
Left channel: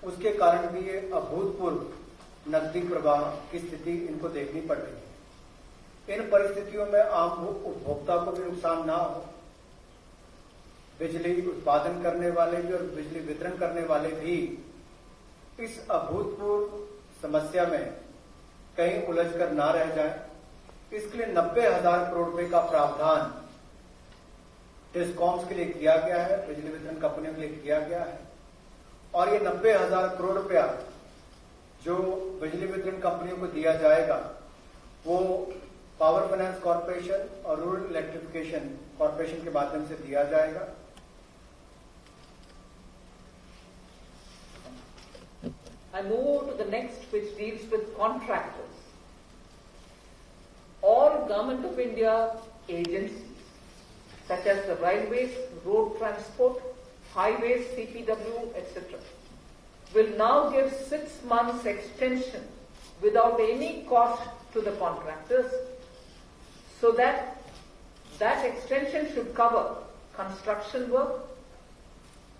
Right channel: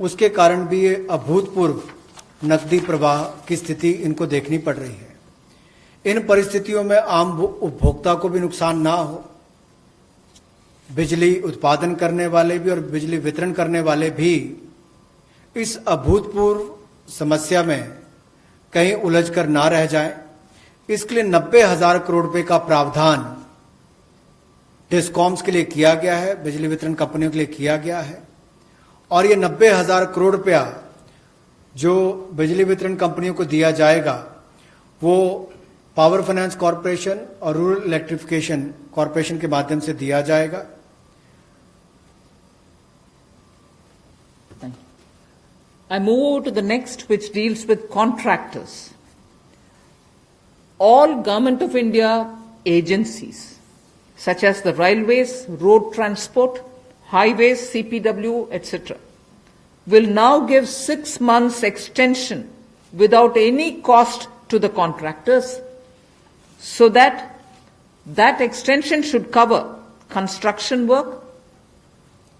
उसके कारण भी ये अभूतपूर्व नकदी प्रवाह की स्थिति इनको देखनी पड़ रही है। इन परिस्थितियों में आम उपभोक्ता को भी नुकसान ना हो, बिजली उत्पादन करने वाले भी और बिजली वितरण करने वाले भी इस अभूतपूर्व समस्या में कहीं उलझकर ना रह जाएं, इसके लिए 90,000 करोड़ रुपए का प्रावधान डिस्कॉम्स के लिए किया गया है, बिजली वितरण कंपनियों के लिए किया गया है। और ये 90,000 करोड़ रुपया जो बिजली वितरण कंपनियों को दिया जाएगा वो पावर फाइनेंस कॉरपोरेशन और रूरल इलेक्ट्रिफिकेशन कॉरपोरेशन के माध्यम से दिया जाएगा। I move to the next, which deals with contractors. All Government of India agencies, such as the railways, road transport, highways, CPW, etc., will now give 6 months extension without any cost to the contractors, so that extension should cover construction work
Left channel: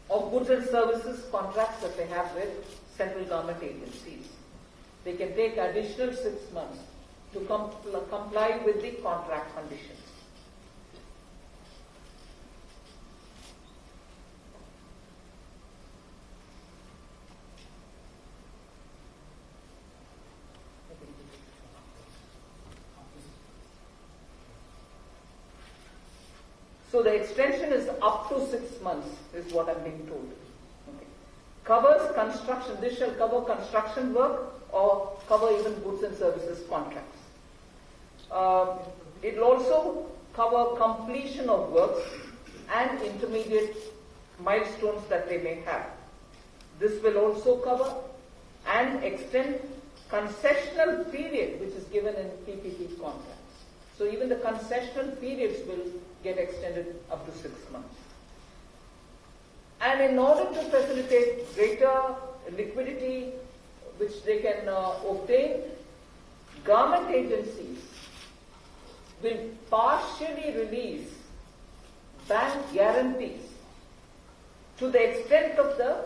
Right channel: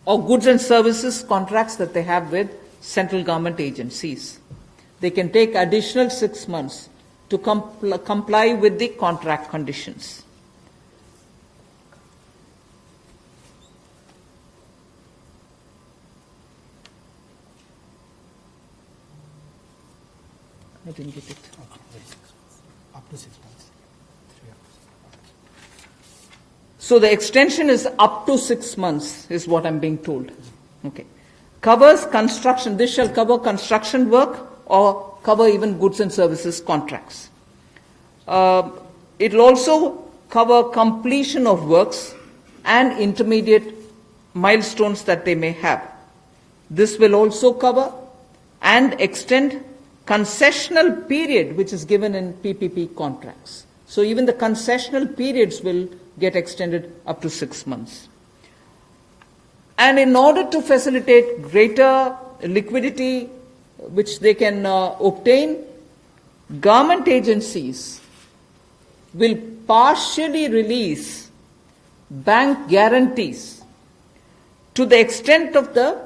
or goods and services contracts that they have with central government agencies. They can take additional 6 months to comply with the contract conditions. I didn't get it. Up to 6 months. So the extension is up to 6 months, is what I'm being told. Okay. Covers construction. This shall cover construction work or cover even goods and services contracts. It will also cover completion of works and intermediate milestones that they may have. This will also cover and extend concessional period which is given in PPP contracts. So even the concessional periods will get extended up to 6 months. And in order to facilitate greater liquidity which they can obtain, government agencies will partially release bank guarantees to the extent of the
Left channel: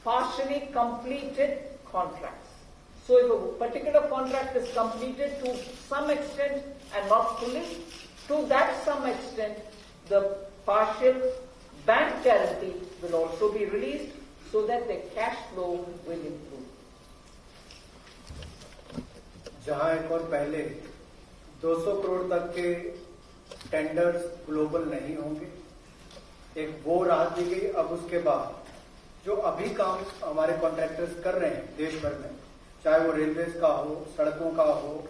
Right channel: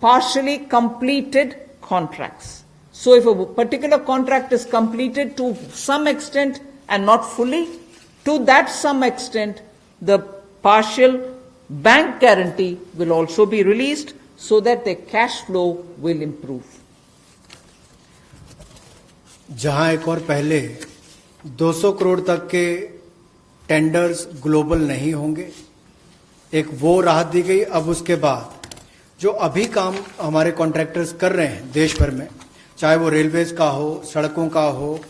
partially completed contracts. So if a particular contract is completed to some extent and not fully, to that some extent, the partial bank guarantee will also be released so that their cash flow will improve. जहां एक और पहले 200 करोड़ तक के tenders global नहीं होंगे, एक वो राहत दी गई। अब उसके बाद जो अभी काम हमारे कॉन्ट्रैक्टर्स कर रहे हैं देश भर में, चाहे वो रेलवेज का हो, सड़कों का हो,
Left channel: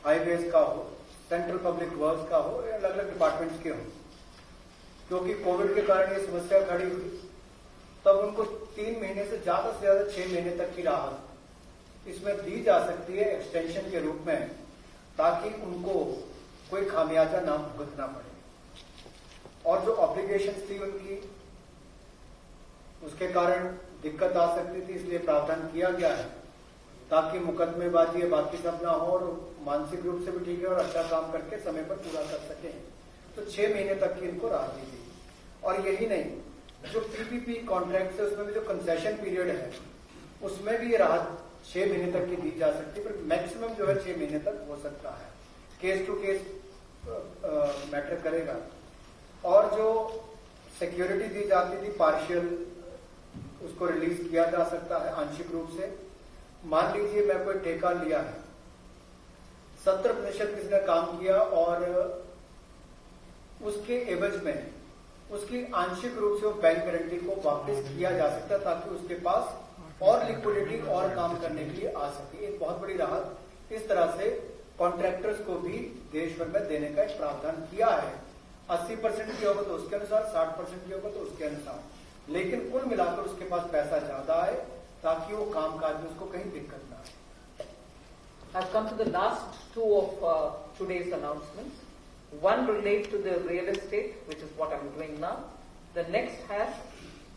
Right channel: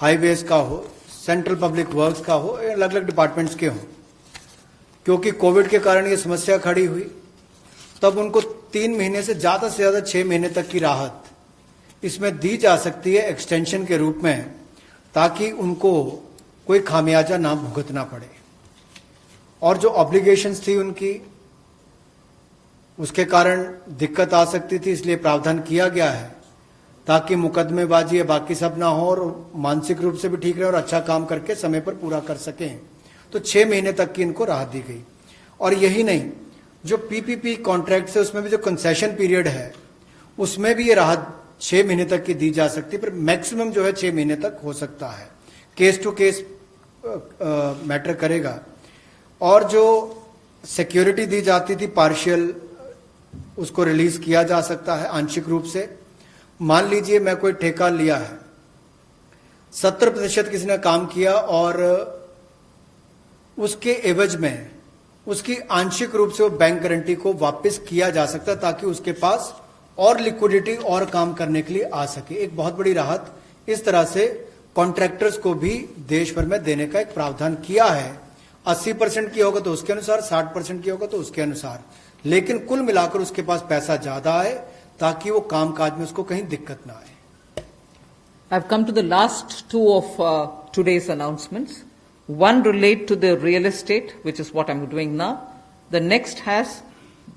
हाईवेज का हो, सेंट्रल पब्लिक वर्क्स का हो, अलग अलग डिपार्टमेंट्स के हों, क्योंकि कोविड के कारण ये समस्या खड़ी हुई, तब उनको 3 महीने से ज्यादा 6 महीने तक की राहत इसमें दी जा सकती है एक्सटेंशन के रूप में, ताकि उनको कोई खामियाजा ना भुगतना पड़े। और जो ऑब्लिगेशंस थी उनकी, उसके कारण दिक्कत आ सकती थी, इसलिए प्रावधान किया गया है ताकि मुकदमेबाजी या बाकी सब ना हो और मानसिक रूप से भी ठीक रहे और अच्छा काम करके समय पर पूरा कर सकें। तो 6 महीने तक की इनको राहत दी गई। और यही नहीं, जो पीपीपी कॉन्ट्रैक्ट है उसमें भी जो कंसेशन पीरियड है उसमें भी ये राहत 6 महीने तक की दी जा सकती है, पर मैक्सिमम जो है 6 महीने तक हो सकता है। केस टू केस मैटर करेगा। और जो सिक्योरिटी दी जाती थी पार्शियल, उसको रिलीज किया जा सकता है आंशिक रूप से। मान लीजिए मैं कोई ठेका लिया है, 70% किसी ने काम किया और उसके एवज में उसकी आंशिक रूप से वो बैंक गारंटी को वापस किया जा सकता है ताकि उसके पास और लिक्विडिटी और काम करने के लिए आ सके। एक बहुत बड़ी राहत इस तरह से कॉन्ट्रैक्टर्स को भी देश भर में देने का एक प्रावधान किया है। 80% की होगा तो उसके अनुसार, 60% की होगा तो उसके अनुसार, लेकिन कुल मिलाकर उसके पास पैसा ज्यादा आए ताकि वो कामकाज में उसको कहीं दिक्कत ना आए। I've come to the last two of today's announcements. One relate to the real estate, which is what I'm doing now. The next has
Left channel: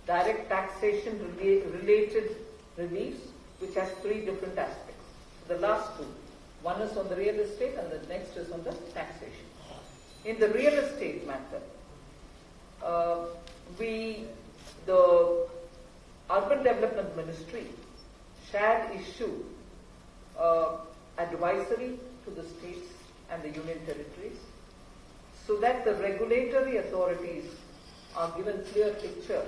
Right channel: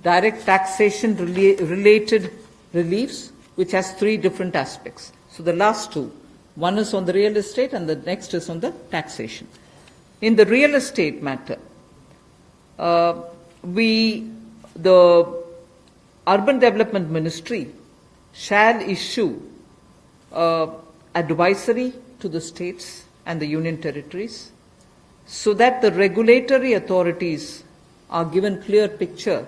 direct taxation related reliefs, which has 3 different aspects. So the last two, one is on the real estate and the next is on the taxation. In the real estate matter, the Urban Development Ministry shall issue advisory to the states and the union territories so that the regulatory authorities are given clear picture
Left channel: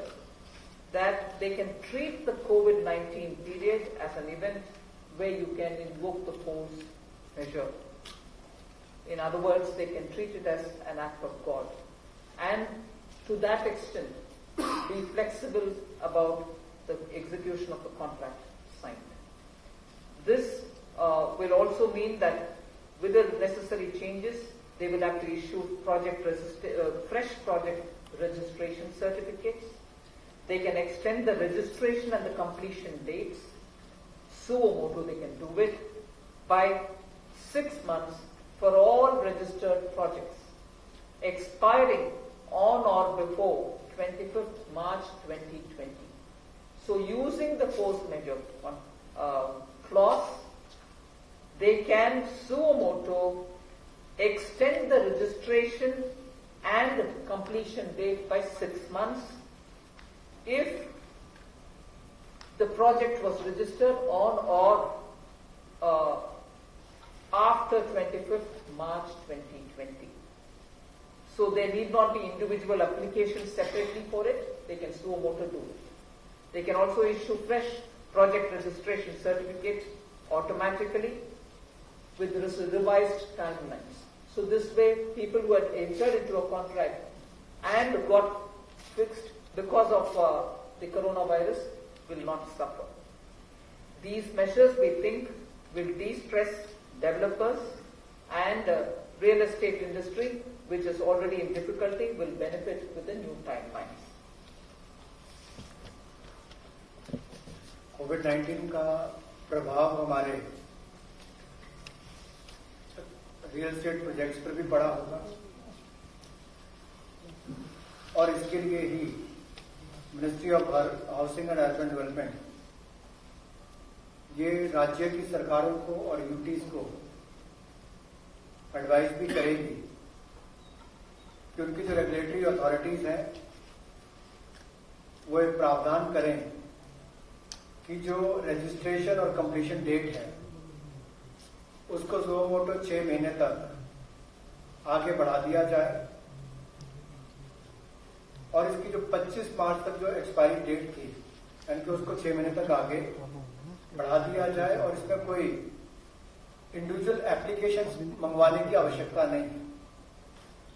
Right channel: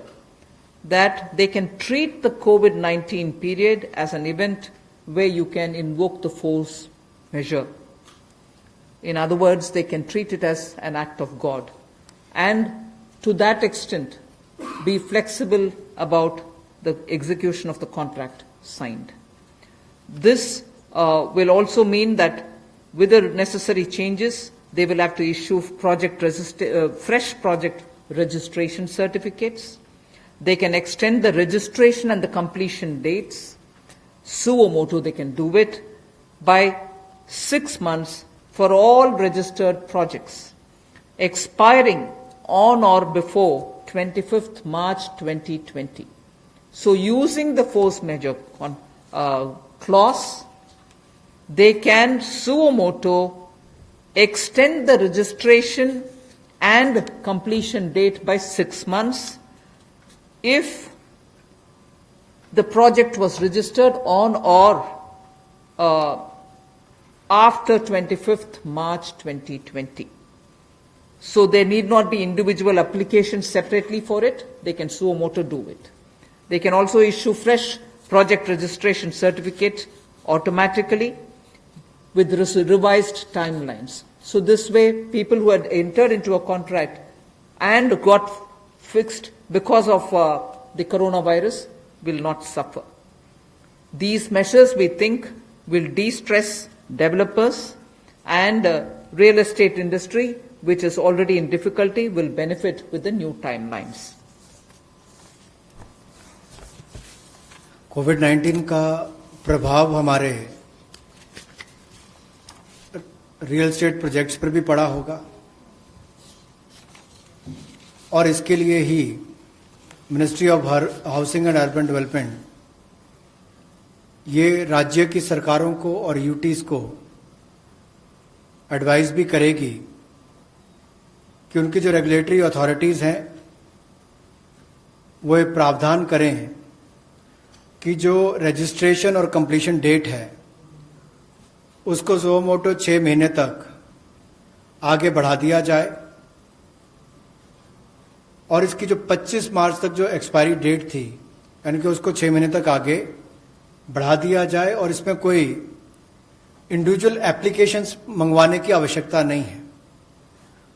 that they can treat the COVID-19 period as an event where you can invoke the force measure. In other words, they can treat it as an act of God, and to that extent be flexible about the execution of the contract signed. This will also mean that with the necessary changes, they will have to issue fresh project registration certificates. They can extend the registration and the completion dates. Suo motu, they can do it by 6 months for all registered projects, expiring on or before 25th March 2020. So using the force measure clause, they can suo motu extend the registration and completion date by 6 months if the project was registered on or after 25th March 2020. So there need not be individual applications separately for it. They can suo motu do it. They can also issue fresh project registration certificate automatically with revised timelines. So this way, people who had entered into a contract and got fixed because of the coronavirus will not suffer. These measures, we think, will de-stress developers, and real estate industry, which is already in difficulty, will benefit with the new timelines. कोविड-19 का प्रभाव हमारे real estate projects पर भी पड़ा होगा, और इसके लिए ही ministry of housing and urban development ये राज्य की सरकारों को और यूटीज को एडवाइस भी करेगी कि उनकी जो रेगुलेटरी अथॉरिटीज हैं वो एक प्रावधान करें कि जो रजिस्ट्रेशन और कंप्लीशन डेट है उसको सुओ मोटो 6 महीने तक आगे बढ़ा दिया जाए, और इसकी जो 25 मार्च तक जो एक्सपायरी डेट थी यानी कि उसको 6 महीने तक आगे बढ़ा दिया जाए, और इसमें कोई इंडिविजुअल एप्लीकेशंस मंगवाने की आवश्यकता नहीं है।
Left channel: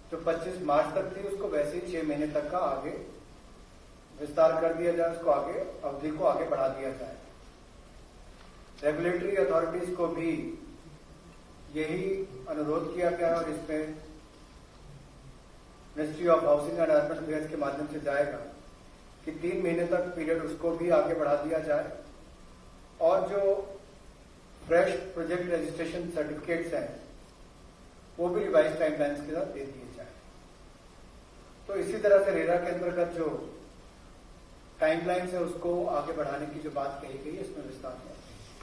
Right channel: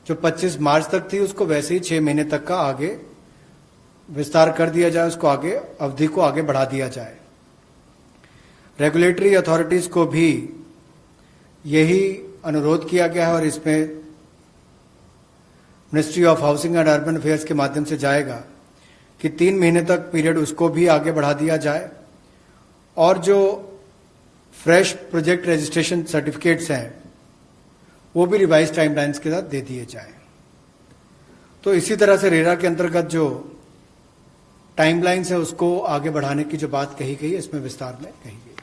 जो 25 मार्च तक थी उसको वैसे ही 6 महीने तक का आगे विस्तार कर दिया जाए, उसको आगे अवधि को आगे बढ़ा दिया जाए। रेगुलेटरी अथॉरिटीज को भी यही अनुरोध किया गया है, और इसमें ministry of housing and urban affairs के माध्यम से जाएगा कि 3 महीने तक पीरियड उसको भी आगे बढ़ा दिया जाए, और जो फ्रेश प्रोजेक्ट रजिस्ट्रेशन सर्टिफिकेट्स हैं वो भी रिवाइज टाइमलाइंस के साथ दे दिए जाए। तो इसी तरह से रेरा के अंतर्गत जो टाइमलाइंस है उसको आगे बढ़ाने की जो बात कही गई है इसमें विस्तार में कही गई।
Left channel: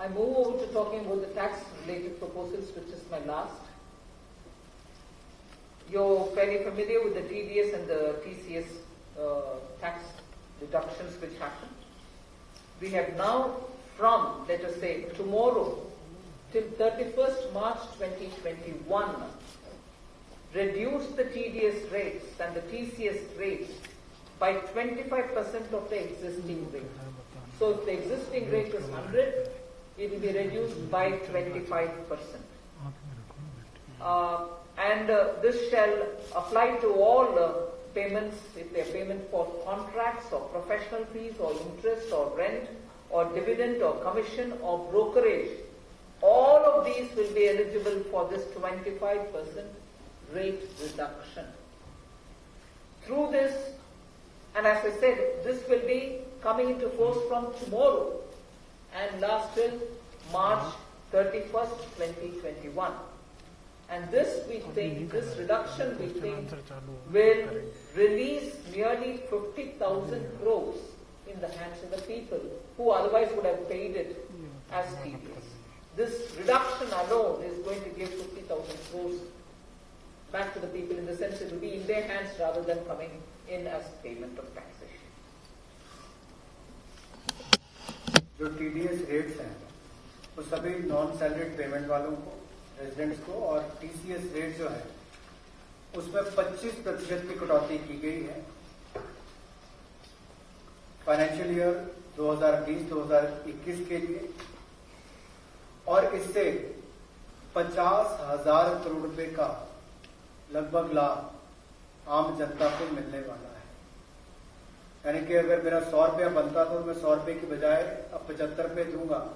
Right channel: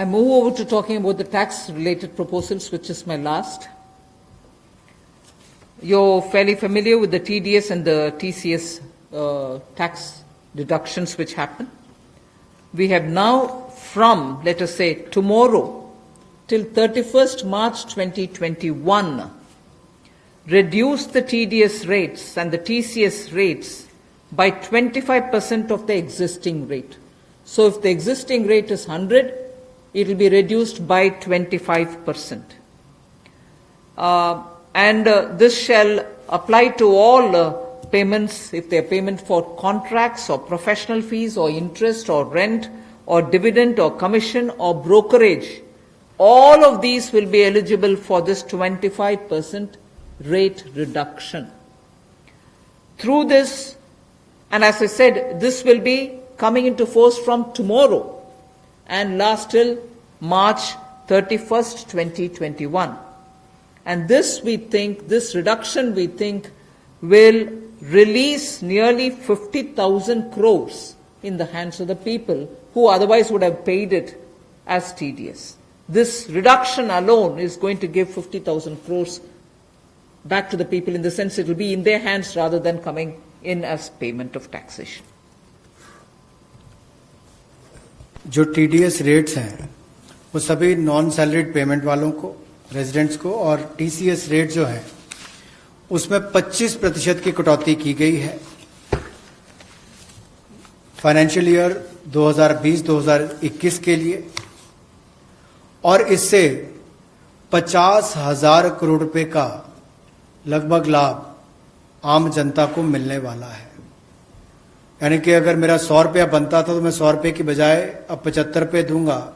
I move over to talking about the tax-related proposals, which is my last. You're fairly familiar with the TDS and the TCS tax deductions which happen. We have now, from, let us say, tomorrow till 31st March 2021, reduced the TDS rates and the TCS rates by 25% of the existing rate. So if the existing rate is 100, it will be reduced by 25%. This shall apply to all payments, if they are payment for contracts or professional fees or interest or rent or dividend or commission or brokerage. All of these will be eligible for this 25% rate reduction. Through this, and as I said, this will be coming into force from tomorrow and last till March 31st, 2021. And this reduction we think will release nearly 50,000 crores in the hands of the people who otherwise would have paid it as TDS. This reduction alone is going to give 50,000 crores back to the people, in the sense it will be in their hands rather than coming in as payment of taxation. जो TDS rates हैं वो सभी non salaried payment वालों को, residents को, और TCS rate जो है उसमें 25% की कटौती की गई है फाइनेंशियल ईयर 2020-2021 के लिए, और इससे 50,000 करोड़ रुपए का लगभग लाभ आम जनता को मिलने वाला है। यानी कि अगर मेरा 100 रुपया बनता था तो मैं 100 रुपये की बजाय अब 75 रुपये दूंगा,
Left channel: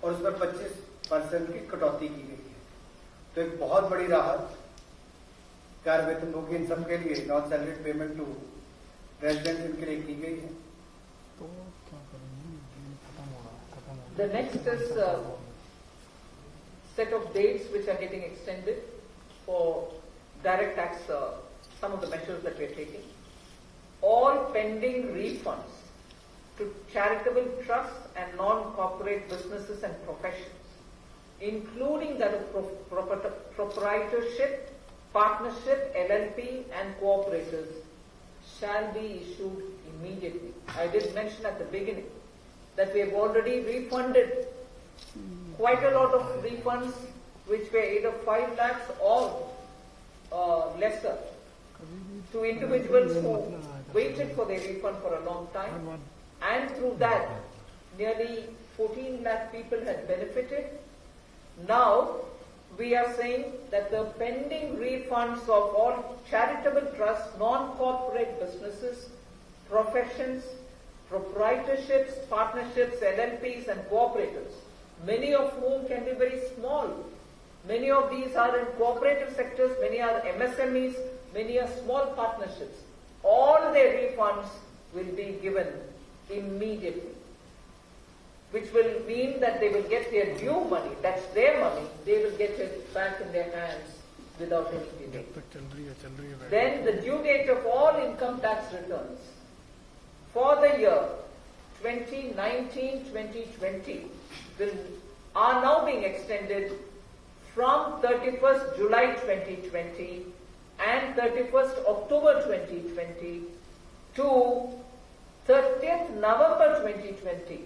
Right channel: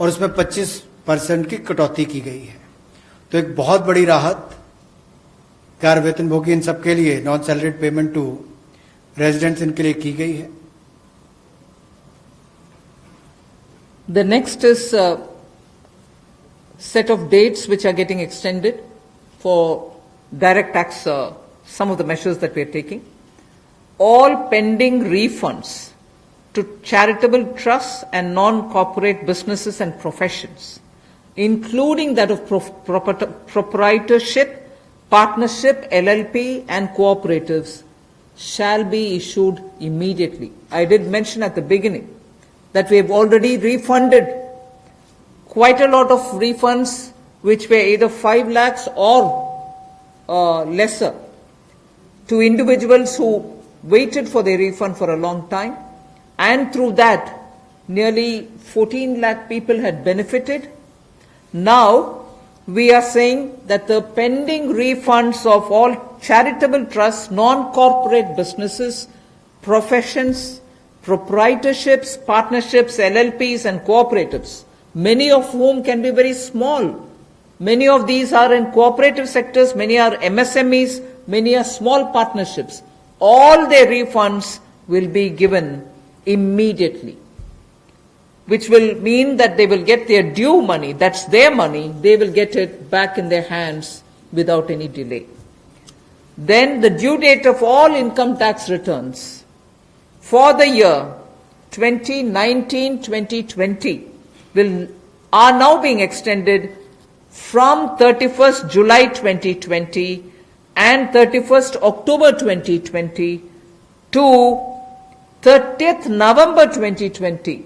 और उसमें 25% की कटौती की गई है। तो एक बहुत बड़ी राहत कार वेतनभोगी इन सबके लिए, non salaried payment to residents, इनके लिए की गई है। The next is a set of dates which are getting extended for direct tax, some of the measures that we are taking. All pending refunds to charitable trusts and non-corporate businesses and professions, including that of proprietorship, partnership, LLP and cooperatives, shall be issued immediately. I did mention at the beginning that we have already refunded quite a lot of refunds which were either 5 lakhs or lesser to individuals who waited for their refund for a long time, and through that nearly 14 lakh people had benefited. Now we are saying that the pending refunds of all charitable trusts, non-corporate businesses, professions, proprietorships, partnerships, LLPs and cooperatives, many of whom can be very small. Many of these are in cooperative sectors, many are MSMEs, many are small partnerships. All their refunds will be given immediately, which will mean that they will get their due money, that's their money, they will get it back in their hands without any delay. Then the due date of all income tax returns for the year 2019-2020 are now being extended from 31st July 2020 and 31st October 2020 to 30th November 2020,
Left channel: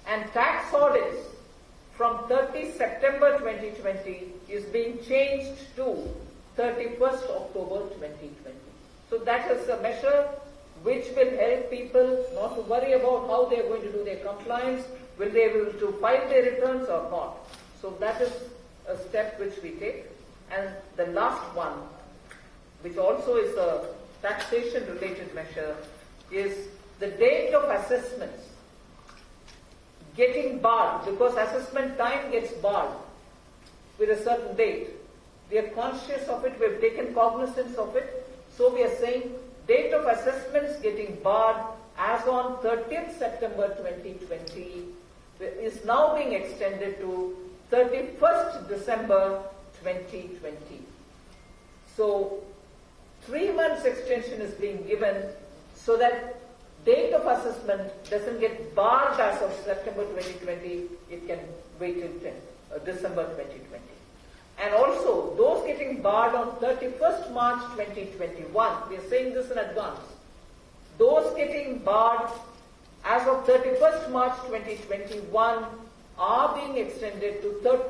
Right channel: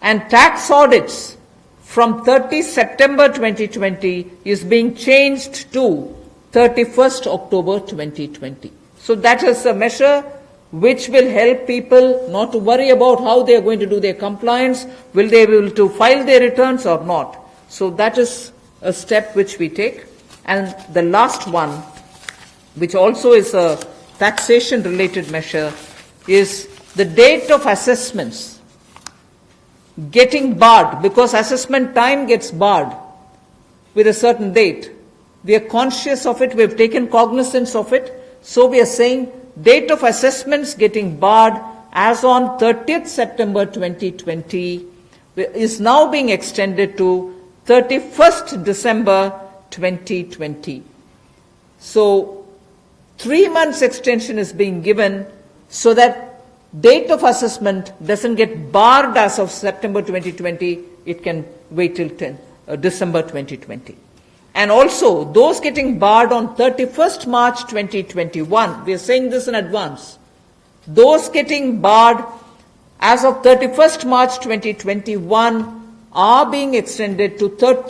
and tax audits from 30 September 2020 is being changed to 31st October 2020. So that is a measure which will help people not to worry about how they are going to do their compliance, will they be able to file their returns or not. So that is a step which we take. And the last one, which also is a taxation related measure, is the date of assessments getting barred, because assessment time gets barred with a certain date. We are conscious of it, we have taken cognizance of it, so we are saying date of assessments getting barred as on 30th September 2020 is now being extended to 31st December 2020. So 3 months extension is being given so that date of assessment doesn't get barred as of September 2020, it can wait till December 2020. And also, those getting barred on 31st March 2021, we are saying this in advance, those getting barred as of 31st March 2021 are being extended to 30